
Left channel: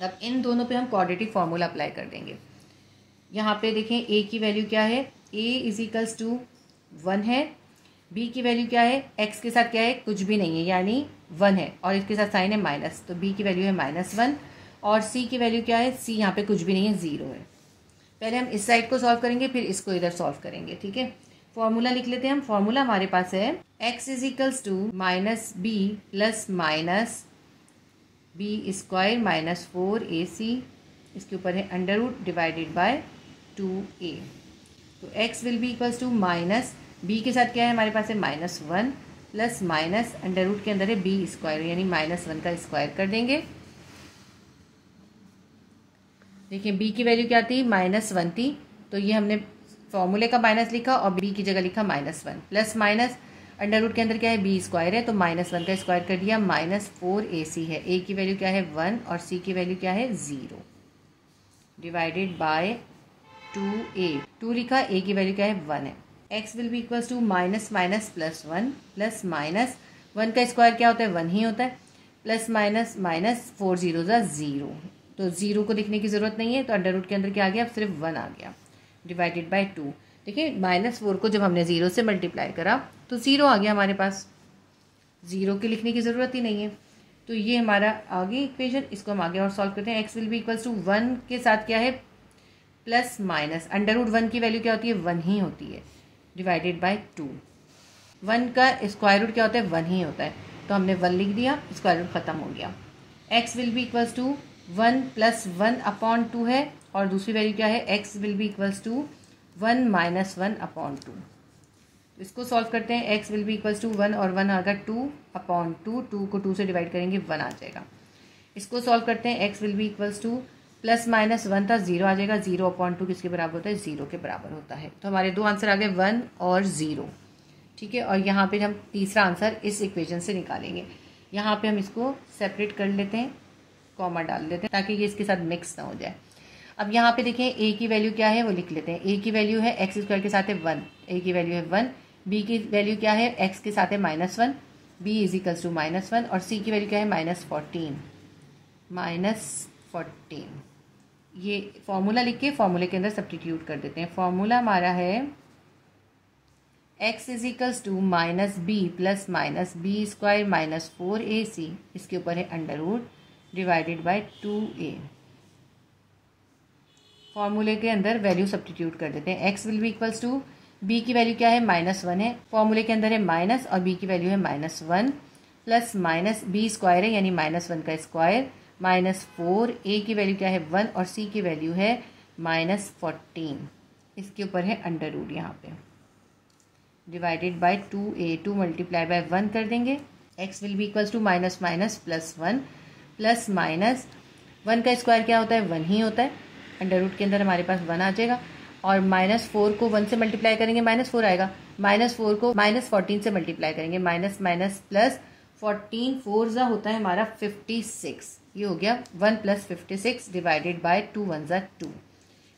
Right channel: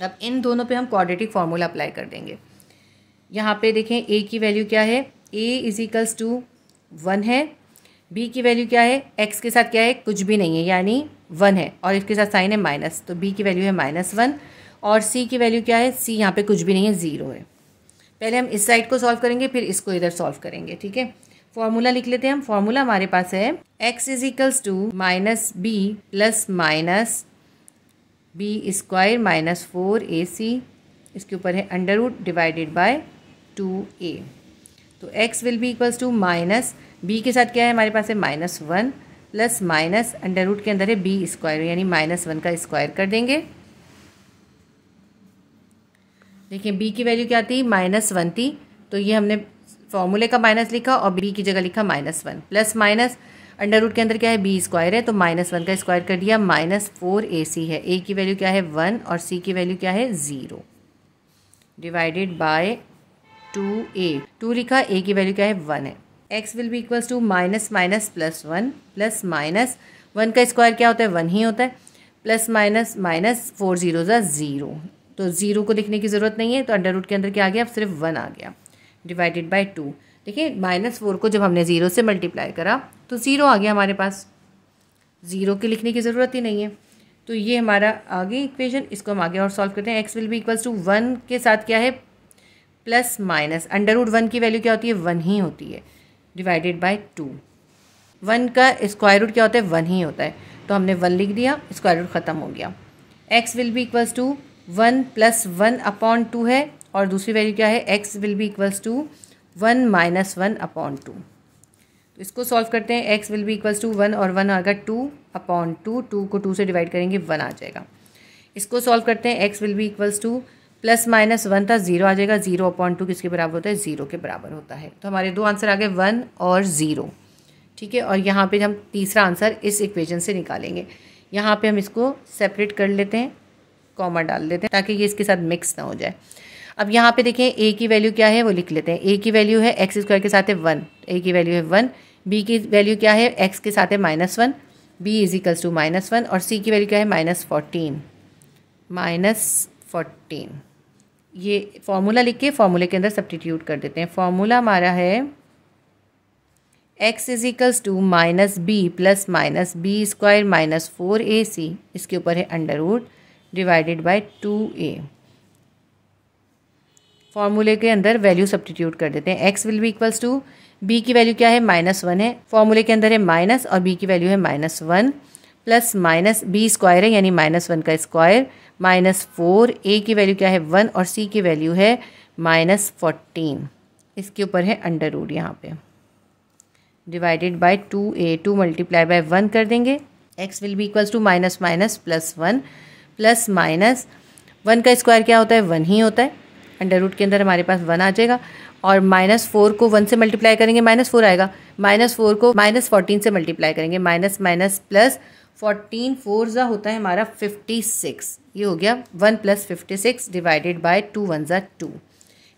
अब इन दोनों पे हम क्वाड्रेटिक फार्मूला अप्लाई कर देंगे। यहाँ पे देखें ए की वैल्यू क्या है, ए इज इक्वल्स टू 1 है, बी की वैल्यू क्या है, एक्स के साथ क्या है, कुछ भी नहीं है यानी 1 है और इसके साथ साइन है माइनस, तो बी की वैल्यू है -1। और सी की वैल्यू क्या है, सी यहाँ पे कुछ भी नहीं है, 0 है। पहले हम इस साइड को सॉल्व करेंगे फिर इसको इधर सॉल्व करेंगे, ठीक है। फॉर्मूला लिख लेते हैं हम, फॉर्मूला हमारे पास है x is equals to minus b plus minus b square minus 4ac, इसके ऊपर है under root divided by 2a। तो x will be equals to minus b के साथ क्या है हमारे पास है -1 प्लस माइनस अंडर रूट के अंदर है b स्क्वायर यानी -1 का स्क्वायर कर देंगे। देखिए b की वैल्यू क्या थी, -1 थी, तो ये हमने फॉर्मूले का माइनस लिखा और b की जगह लिखा -1 प्लस माइनस अंडर रूट के अंदर क्या है b स्क्वायर है तो -1 का स्क्वायर कर दिया, -4ac है, a की वैल्यू क्या है 1 और c की वैल्यू क्या है 0 डिवाइडेड बाय 2a, 2 लिखा, a की वैल्यू क्या है 1 है। x will be equals to minus minus plus 1 plus minus 1 का स्क्वायर क्या होता है 1 ही होता है, प्लस माइनस माइनस 4 0 0, तो 0 को लिखने की ज़रूरत नहीं है तो अंडर रूट के अंदर क्या आ गया, सिर्फ 1 आ गया डिवाइडेड बाय 2। देखिए -4 को जब हमने 0 से मल्टीप्लाई करा तो 0 आ गया हमारे पास, 0 के लिखने की ज़रूरत ही नहीं है। तो ये हमारा आगे इक्वेशन, इसको हम आगे और सॉल्व करते हैं। x will be equals to 1 के साथ क्या है प्लस माइनस अंडर रूट 1 की वैल्यू क्या होती है 1 ही होती है डिवाइडेड बाय 2। 1 का स्क्वायर रूट क्या होता है 1 ही होता है, तो हमने 1 लिख दिया, स्क्वायर रूट ख़त्म हो गया। x will be equals to 1 plus 1 upon 2 है और दूसरी वैल्यू क्या है x will be equals to 1 minus 1 upon 2। तो इसको सॉल्व करते हैं, x will be equals to 1 और 1 आएगा 2 अपॉन 2, 2 को 2 से डिवाइड करेंगे 1 आ जाएगा। इसको सॉल्व करते हैं, x will be equals two plus minus 1 था 0 आ जाएगा, 0 अपॉन 2 किसके बराबर होता है 0 के बराबर होता है। तो हमारे दो आंसर आ गए 1 और 0, ठीक है। और यहाँ पे हम तीसरा आंसर इस इक्वेशन से निकालेंगे। यहाँ पे हम इसको सेपरेट कर लेते हैं, कॉमा डाल देते हैं ताकि ये इसके साथ मिक्स ना हो जाए। अब यहाँ पे देखें a की वैल्यू क्या है वो लिख लेते हैं, a की वैल्यू है x स्क्वायर के साथ है 1, a की वैल्यू है 1, b की वैल्यू क्या है x के साथ है -1, b इज इक्वल्स टू -1 और c की वैल्यू क्या है -14। ये फॉर्मूला लिख के फॉर्मूले के अंदर सब्स्टिट्यूट कर देते हैं। फॉर्मूला हमारा है x is equals to minus b plus minus b square minus 4ac, इसके ऊपर है under root divided by 2a। फॉर्मूले के अंदर वैल्यू सब्स्टिट्यूट कर देते हैं, x will be equals to b की वैल्यू क्या है -1 है, फॉर्मूले के अंदर है माइनस और b की वैल्यू है -1 प्लस माइनस b स्क्वायर है यानी -1 का स्क्वायर -4, a की वैल्यू क्या है 1 और c की वैल्यू है -14, इसके ऊपर है अंडर रूट यहाँ पे divided by 2a, 2 multiply by 1 कर देंगे, x will be equals to minus minus plus 1 plus minus 1 का स्क्वायर क्या होता है 1 ही होता है, अंडर रूट के अंदर हमारे पास 1 आ जाएगा और -4 को 1 से मल्टीप्लाई करेंगे -4 आएगा, -4 को -14 से मल्टीप्लाई करेंगे, माइनस माइनस प्लस 14, 4 ज़ा होता है हमारा 56, ये हो गया 1 प्लस 56 डिवाइडेड बाय 2 1 ज़ा 2।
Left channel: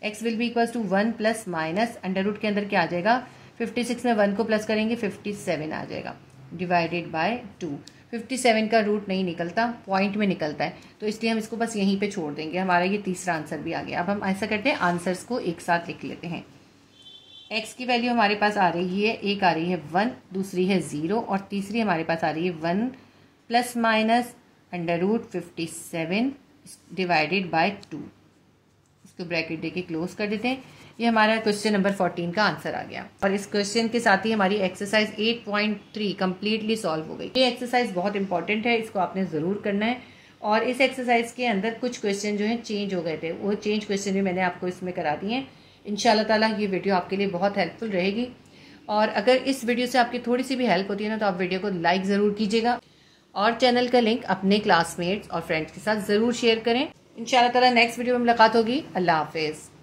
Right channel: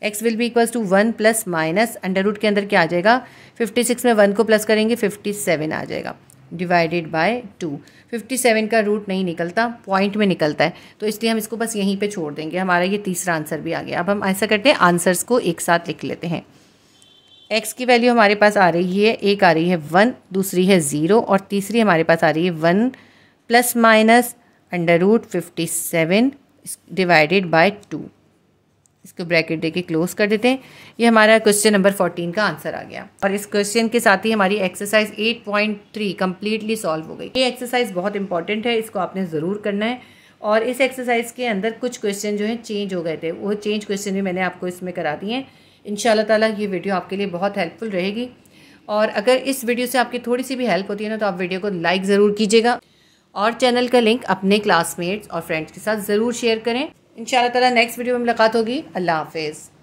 x will be equals to 1 plus minus under root के अंदर क्या आ जाएगा 56 में 1 को प्लस करेंगे 57 आ जाएगा डिवाइडेड बाय 2। 57 का रूट नहीं निकलता, पॉइंट में निकलता है, तो इसलिए हम इसको बस यहीं पे छोड़ देंगे। हमारा ये तीसरा आंसर भी आ गया। अब हम ऐसा करते हैं, आंसर्स को एक साथ लिख लेते हैं। x की वैल्यू हमारे पास आ रही है, एक आ रही है 1, दूसरी है 0 और तीसरी हमारे पास आ रही है 1 plus minus under root 57 divided by 2। इसको ब्रैकेट देके क्लोज कर देते हैं। ये हमारा क्वेश्चन नंबर 14 का आंसर आ गया और इस क्वेश्चन के साथ ही हमारी एक्सरसाइज 8.3 कम्प्लीटली सॉल्व हो गई। ये एक्सरसाइज बहुत इंपॉर्टेंट है, इसको आपने ज़रूर करना है और इस एक्सरसाइज के अंदर कुछ क्वेश्चन जो हैं चेंज हो गए थे, वो चेंज क्वेश्चन भी मैंने आपको इसमें करा दिए हैं। इंशाल्लाह ताला ये वीडियो आपके लिए बहुत हेल्पफुल रहेगी। और अगर इस वीडियो से आपकी थोड़ी सी भी हेल्प होती है ना, तो आप वीडियो को लाइक ज़रूर कीजिएगा और चैनल का लिंक अपने क्लासमेट्स और फ्रेंड्स के साथ ज़रूर शेयर करें। इंशाल्लाह ताला नेक्स्ट वीडियो में मुलाकात होगी। अल्लाह हाफिज़।